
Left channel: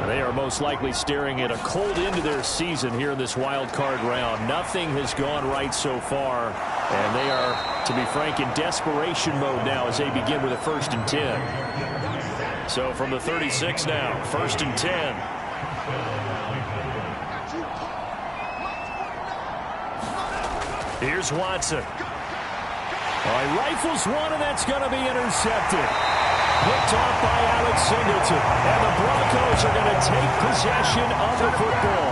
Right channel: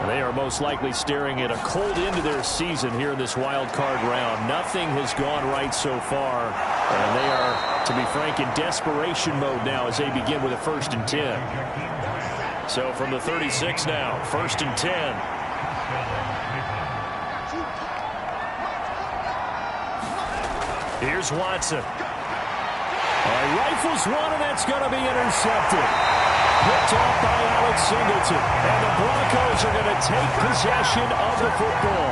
They are most likely staring at a cold end to their season here in this wild card round. Nothing has gone right so far, and they are, to be frank, in desperation mode now as they begin with a 1st and 10. So from the 36 now, 1st and 10. Here's Watson. All right, rifles one, and that's going to be intercepted. Picked off by Alex Singleton. And the Broncos are going to take possession of the football.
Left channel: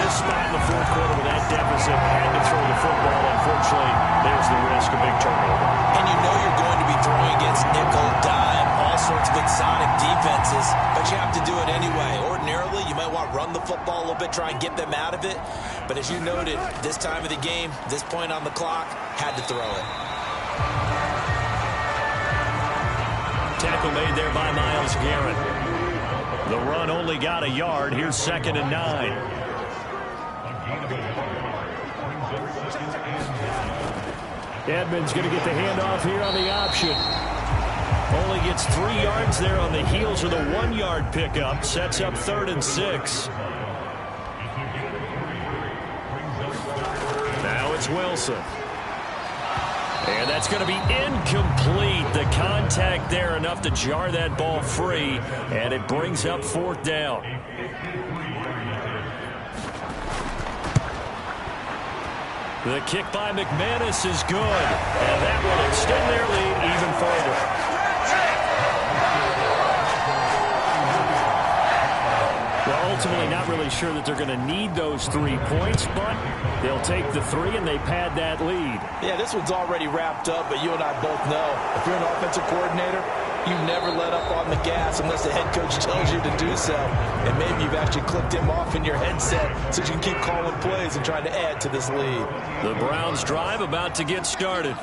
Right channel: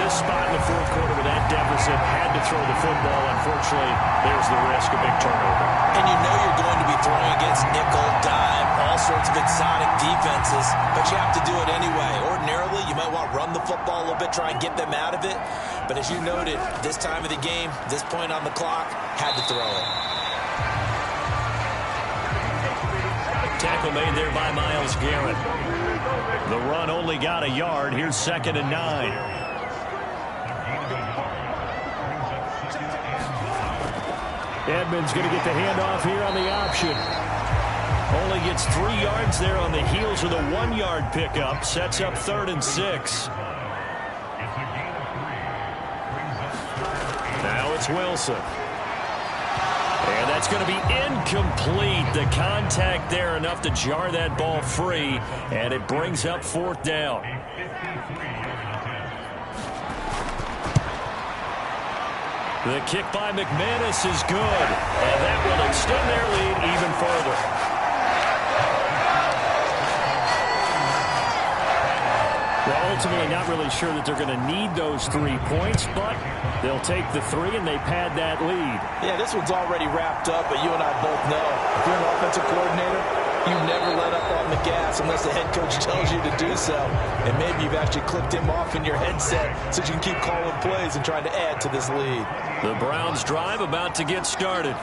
This spot in the 4th quarter with that deficit, had to throw the football. Unfortunately, there's the risk of big turnover. And you know you're going to be throwing against nickel, dime, all sorts of exotic defenses, but you have to do it anyway. Ordinarily, you might want to run the football a little bit, try and get them out of it. But as you noted, this time of the game, this point on the clock, had to throw it. Tackle made there by Myles Garrett. The run only got a yard. Here's 2nd and 9. Edmonds going to get the handoff here on the option. Only gets 3 yards there on the heels of the 1-yard pickup. Sets up 3rd and 6. Now it's Wilson. And that's going to be incomplete. The contact there enough to jar that ball free, and it brings up 4th down. The kick by McManus is good, and that will extend their lead even further. Well, ultimately not really sure that they're going to need those 3 points, but they'll take the 3 and they pad that lead. Yeah, this one's already wrapped up, but you and I both know if you're an offensive coordinator, you never let up on the gas unless the head coach tells you to do so. And maybe you've actually clicked him off in your headset so you can keep calling plays and trying to add to this lead. The Browns drive about to get started.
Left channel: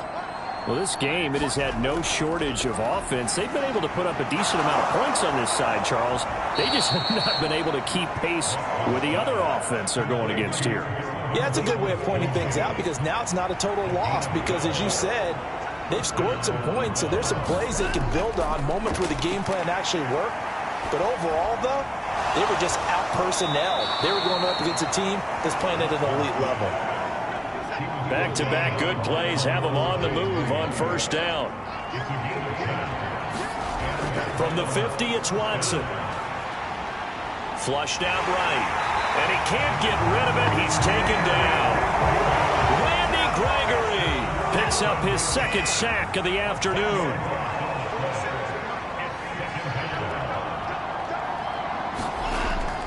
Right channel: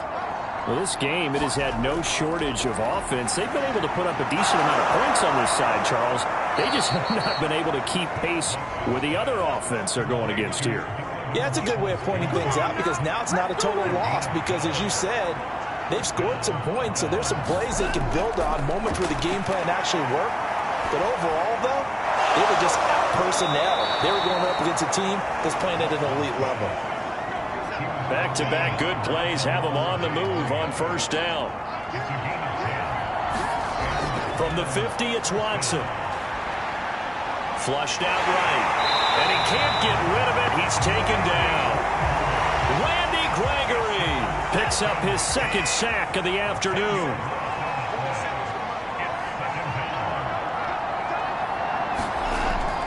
Well, this game, it has had no shortage of offense. They've been able to put up a decent amount of points on this side, Charles. They just have not been able to keep pace with the other offense they're going against here. Yeah, it's a good way of pointing things out because now it's not a total loss because, as you said, they've scored some points, so there's some plays they can build on, moments where the game plan actually worked. But overall, though, they were just out-personnel. They were going up against a team that's playing at an elite level. Back-to-back good plays have them on the move on 1st down. From the 50, it's Watson. Flushed out right. And he can't get rid of it. He's taken down. Randy Gregory picks up his 2nd sack of the afternoon.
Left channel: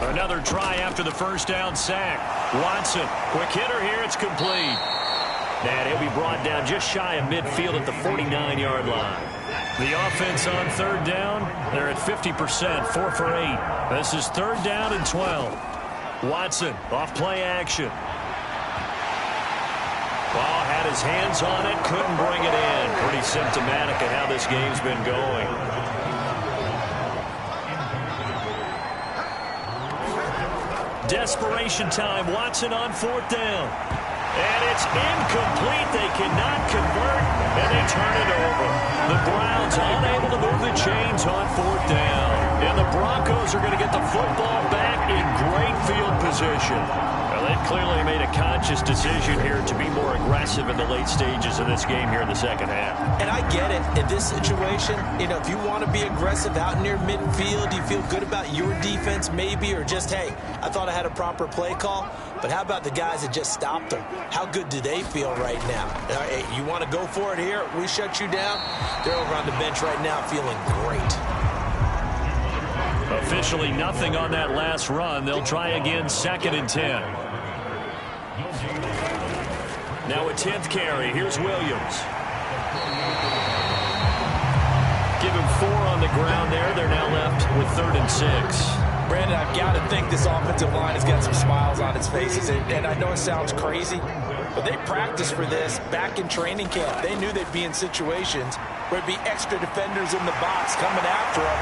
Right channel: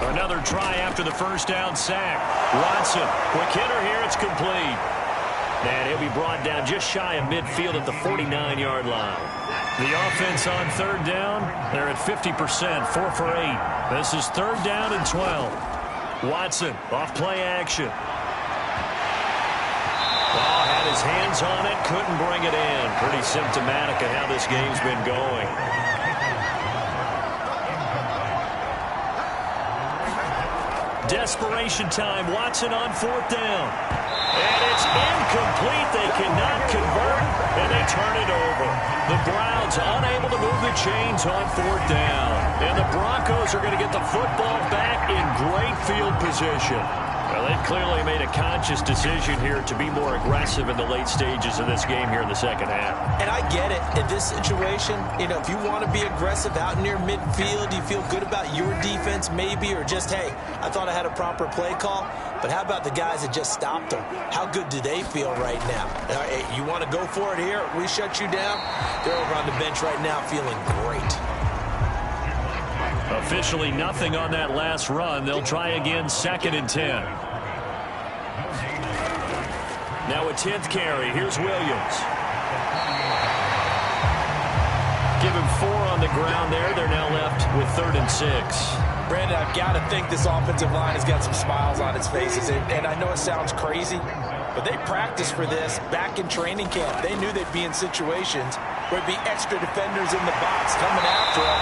Another try after the 1st down sack. Watson, quick hitter here, it's complete. And he'll be brought down just shy of midfield at the 49-yard line. The offense on 3rd down, they're at 50%, 4 for 8. This is 3rd down and 12. Watson, off play action. Ball had his hands on it, couldn't bring it in. Pretty symptomatic of how this game's been going. Desperation time. Watson on 4th down. And it's incomplete. They cannot convert, and they turn it over. The Browns unable to move the chains on 4th down. And the Broncos are going to get the football back in great field position. Well, they've clearly made a conscious decision here to be more aggressive in the late stages of this game here in the 2nd half. And I get it. In this situation, you know, if you want to be aggressive out near midfield, you feel good about your defense maybe, or just, hey, I thought I had a proper play call. But how about the guys that just stopped them? How good do they feel right now? Hey, you want to go for it here? We shut you down? They're over on the bench right now feeling great. Officially nothing on that last run. They'll try again, 2nd and 10. Now a 10th carry. Here's Williams. Give him 4 on the ground there. They're now left with 3rd and 6. Brandon, I've got to think this offensive line has got some smiles on its faces. And I know it sounds crazy, But they practiced for this back in training camp. They knew they'd be in situations where it'd be extra defenders in the box coming after them,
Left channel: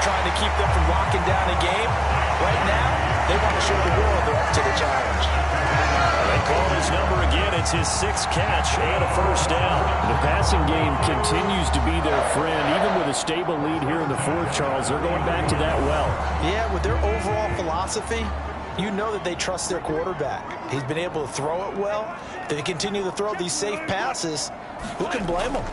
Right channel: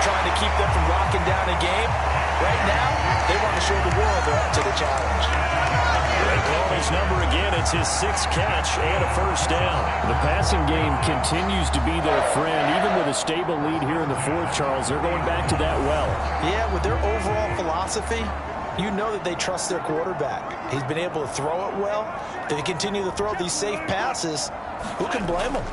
trying to keep them from locking down a game. Right now, they want to show the world they're up to the challenge. They call his number again. It's his 6th catch and a first down. The passing game continues to be their friend. Even with a stable lead here in the 4th, Charles, they're going back to that well. Yeah, with their overall philosophy, you know that they trust their quarterback. He's been able to throw it well. They continue to throw these safe passes. Who can blame them?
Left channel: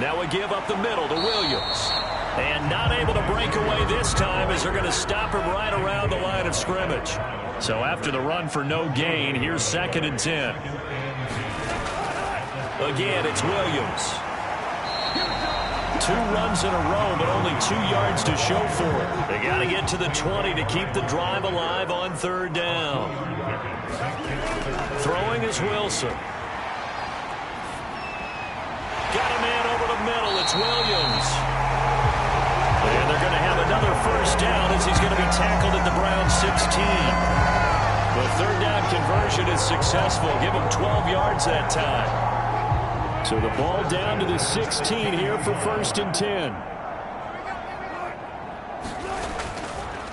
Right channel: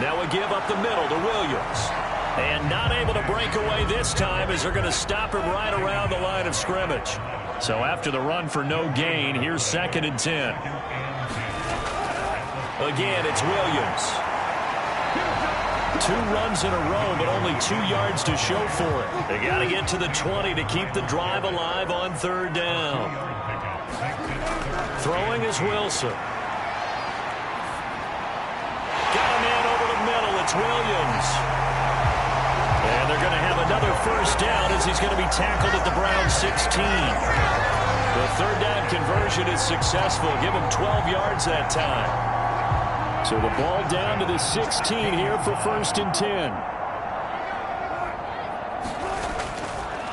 Now we give up the middle to Williams. And not able to break away this time as they're going to stop him right around the line of scrimmage. So after the run for no gain, here's 2nd and 10. Again, it's Williams. 2 runs in a row, but only 2 yards to show for it. They got to get to the 20 to keep the drive alive on 3rd down. Throwing is Wilson. Got a man over the middle. It's Williams. And they're going to have another first down as he's going to be tackled at the Browns 16. The 3rd down conversion is successful. Give him 12 yards that time. So the ball down to the 16 here for 1st and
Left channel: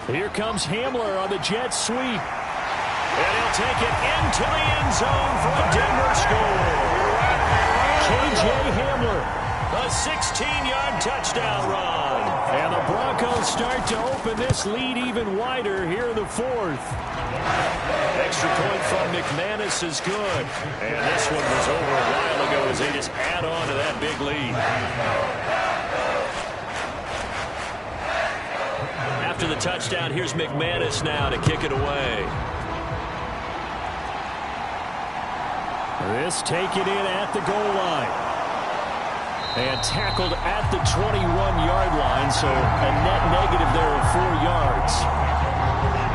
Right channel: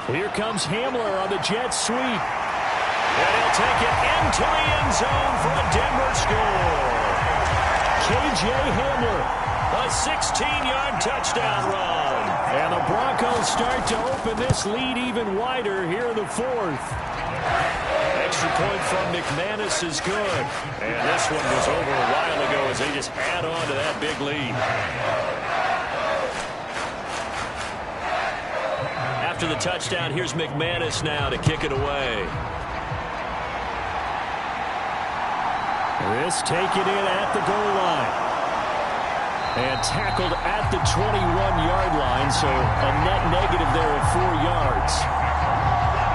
10. Here comes Hamler on the jet sweep. And he'll take it into the end zone for a Denver score. K.J. Hamler. A 16-yard touchdown run. And the Broncos start to open this lead even wider here in the 4th. Extra point from McManus is good. And this one was over a while ago as they just add on to that big lead. After the touchdown, here's McManus now to kick it away. This taken in at the goal line. And tackled at the 21-yard line, so a net negative there of 4 yards.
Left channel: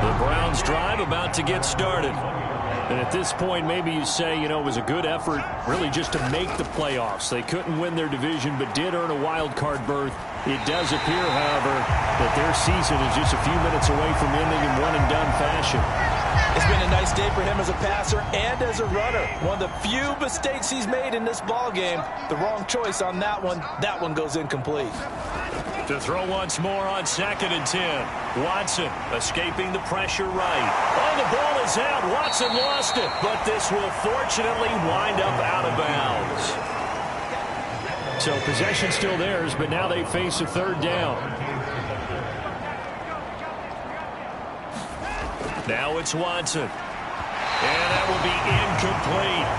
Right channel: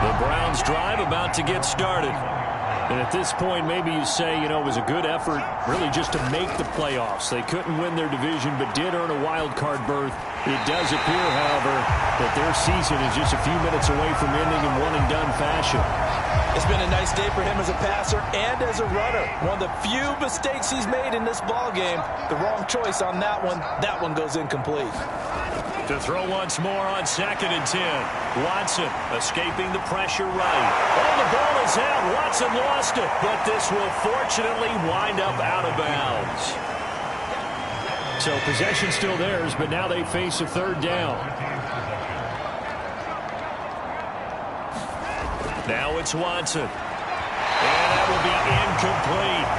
The Browns drive about to get started. And at this point, maybe you say, you know, it was a good effort really just to make the playoffs. They couldn't win their division, but did earn a wild card berth. It does appear, however, that their season is just a few minutes away from ending in one-and-done fashion. It's been a nice day for him as a passer and as a runner. One of the few mistakes he's made in this ball game. The wrong choice on that one. That one goes incomplete. To throw once more on 2nd and 10. Watson escaping the pressure right. Oh, the ball is out. Watson lost it. But this will fortunately wind up out of bounds. So possession still theirs, but now they face a 3rd down. Now it's Watson. And that will be incomplete.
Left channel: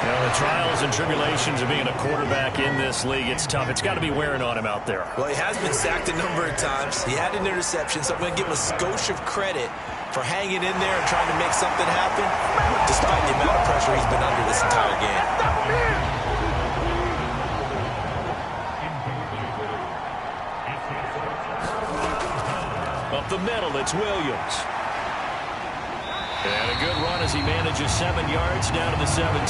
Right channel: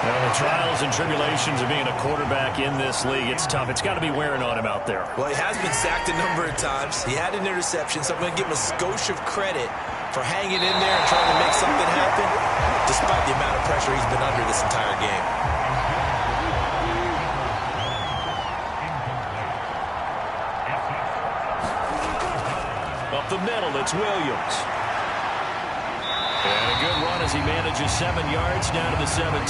You know, the trials and tribulations of being a quarterback in this league, it's tough. It's got to be wearing on him out there. Well, he has been sacked a number of times. He had an interception, so I'm going to give him a skosh of credit for hanging in there and trying to make something happen, despite the amount of pressure he's been under this entire game. Up the middle, it's Williams. And a good run as he manages 7 yards down to the 17.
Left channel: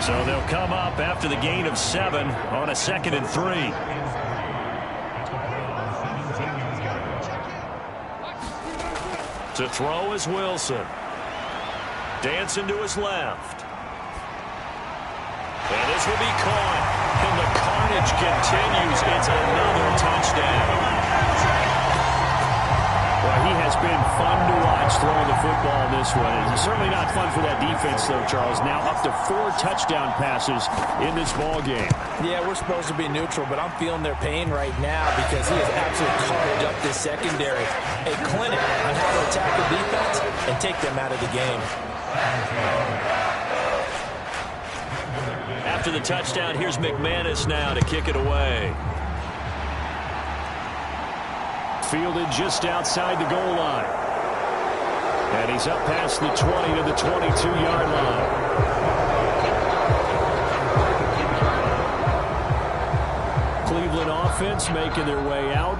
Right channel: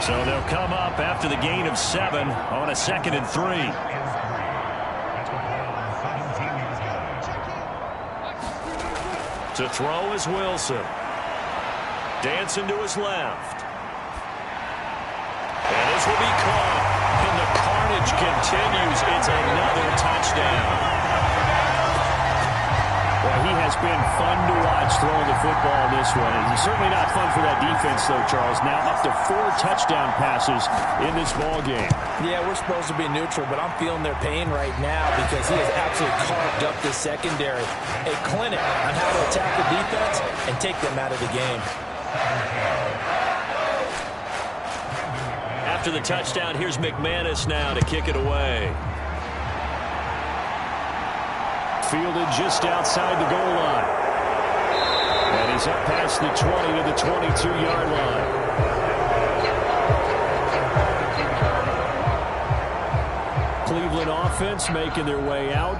So they'll come up after the gain of 7 on a 2nd and 3. To throw is Wilson. Dancing to his left. And this will be caught. And the carnage continues. It's another touchdown. Well, he has been fun to watch throwing the football in this one. And it's certainly not fun for that defense, though, Charles. Now up to 4 touchdown passes in this ball game. Yeah, we're supposed to be neutral, but I'm feeling their pain right now because he has absolutely carved up this secondary. A clinic on how to attack the defense and take them out of the game. After the touchdown, here's McManus now to kick it away. Fielded just outside the goal line. And he's up past the 20 to the 22-yard line. Cleveland offense making their way out.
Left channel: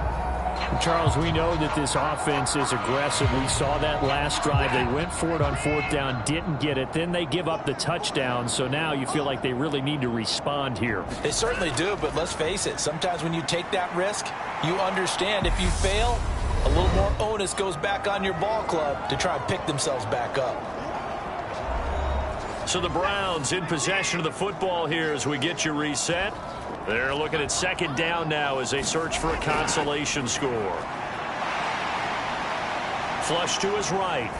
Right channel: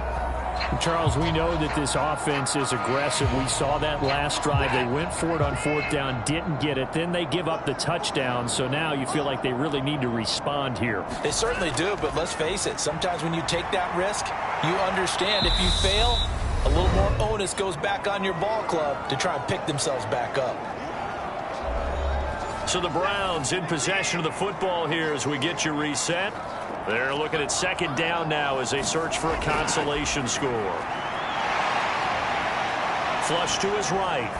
Charles, we know that this offense is aggressive. We saw that last drive. They went for it on 4th down, didn't get it. Then they give up the touchdown. So now you feel like they really need to respond here. They certainly do, but let's face it. Sometimes when you take that risk, you understand if you fail, a little more onus goes back on your ball club to try and pick themselves back up. So the Browns in possession of the football here as we get you reset. They're looking at second down now as they search for a consolation score. Flush to his right.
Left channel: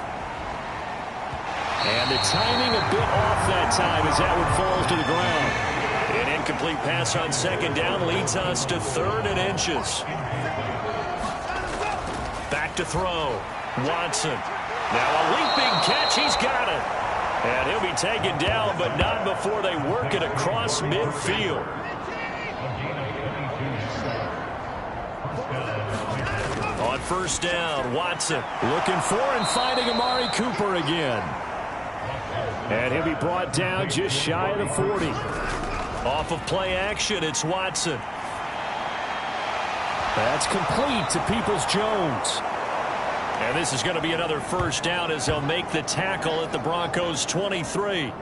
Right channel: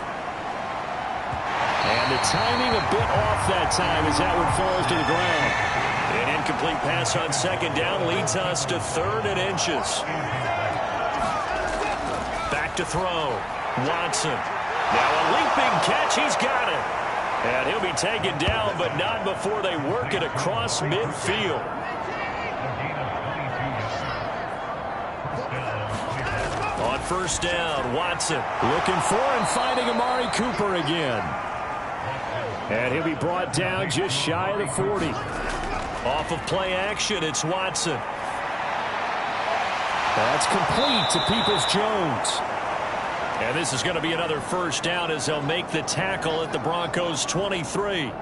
And the timing a bit off that time as that one falls to the ground. An incomplete pass on second down leads us to 3rd and inches. Back to throw. Watson. Now a leaping catch. He's got it. And he'll be taken down, but not before they work it across midfield. On first down, Watson. Looking for and finding Amari Cooper again. And he'll be brought down just shy of the 40. Off of play action, it's Watson. That's complete to Peoples-Jones. And this is going to be another first down as they'll make the tackle at the Broncos' 23.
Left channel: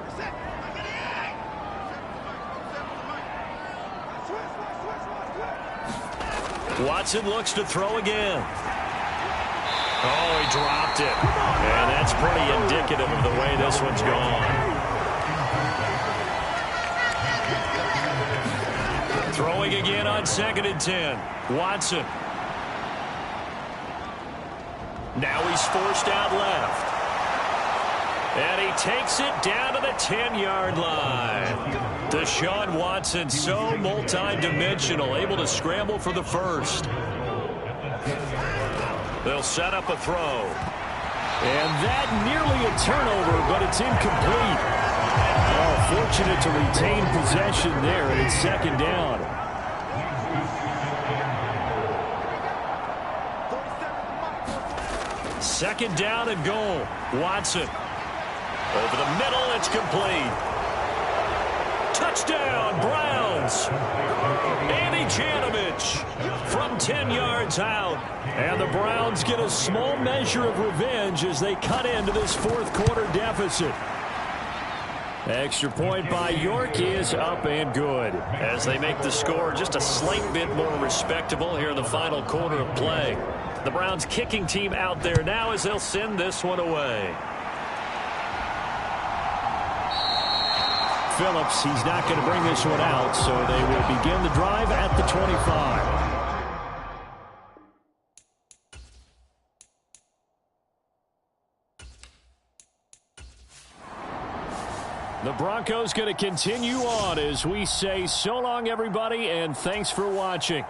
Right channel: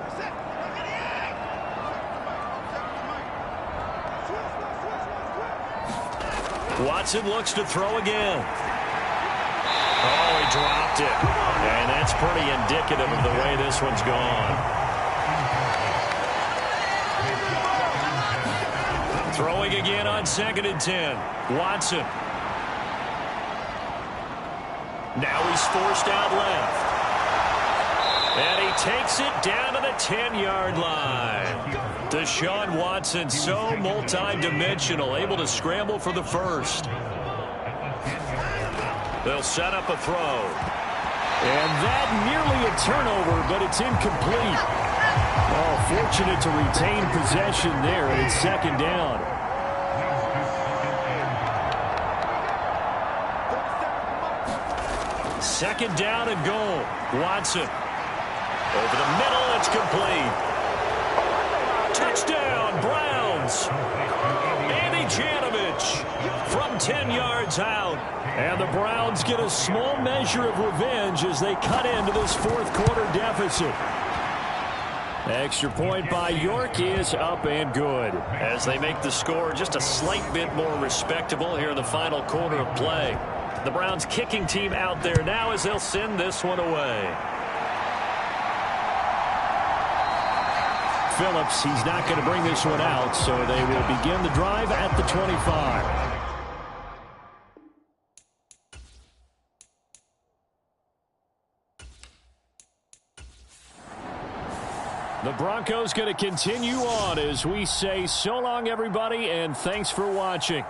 Watson looks to throw again. Oh, he dropped it. And that's pretty indicative of the way this one's gone. Throwing again on 2nd and 10. Watson. Now he's forced out left. And he takes it down to the 10-yard line. Deshaun Watson, so multi-dimensional, able to scramble for the first. They'll set up a throw. And that nearly a turnover, but it's incomplete. Oh, fortunate to retain possession there, and it's second down. Second down and goal. Watson. Over the middle, it's complete. Touchdown, Browns. Andy Janovich from 10 yards out. And the Browns get a small measure of revenge as they cut into this 4th quarter deficit. Extra point by York is up and good. As they make the score just a slight bit more respectable here in the final quarter of play. The Browns kicking team out there now as they'll send this one away. Phillips, he's not going to bring this one out, so they will begin the drive at the 25. The Broncos going to continue on as we say so long, everybody, and thanks for watching.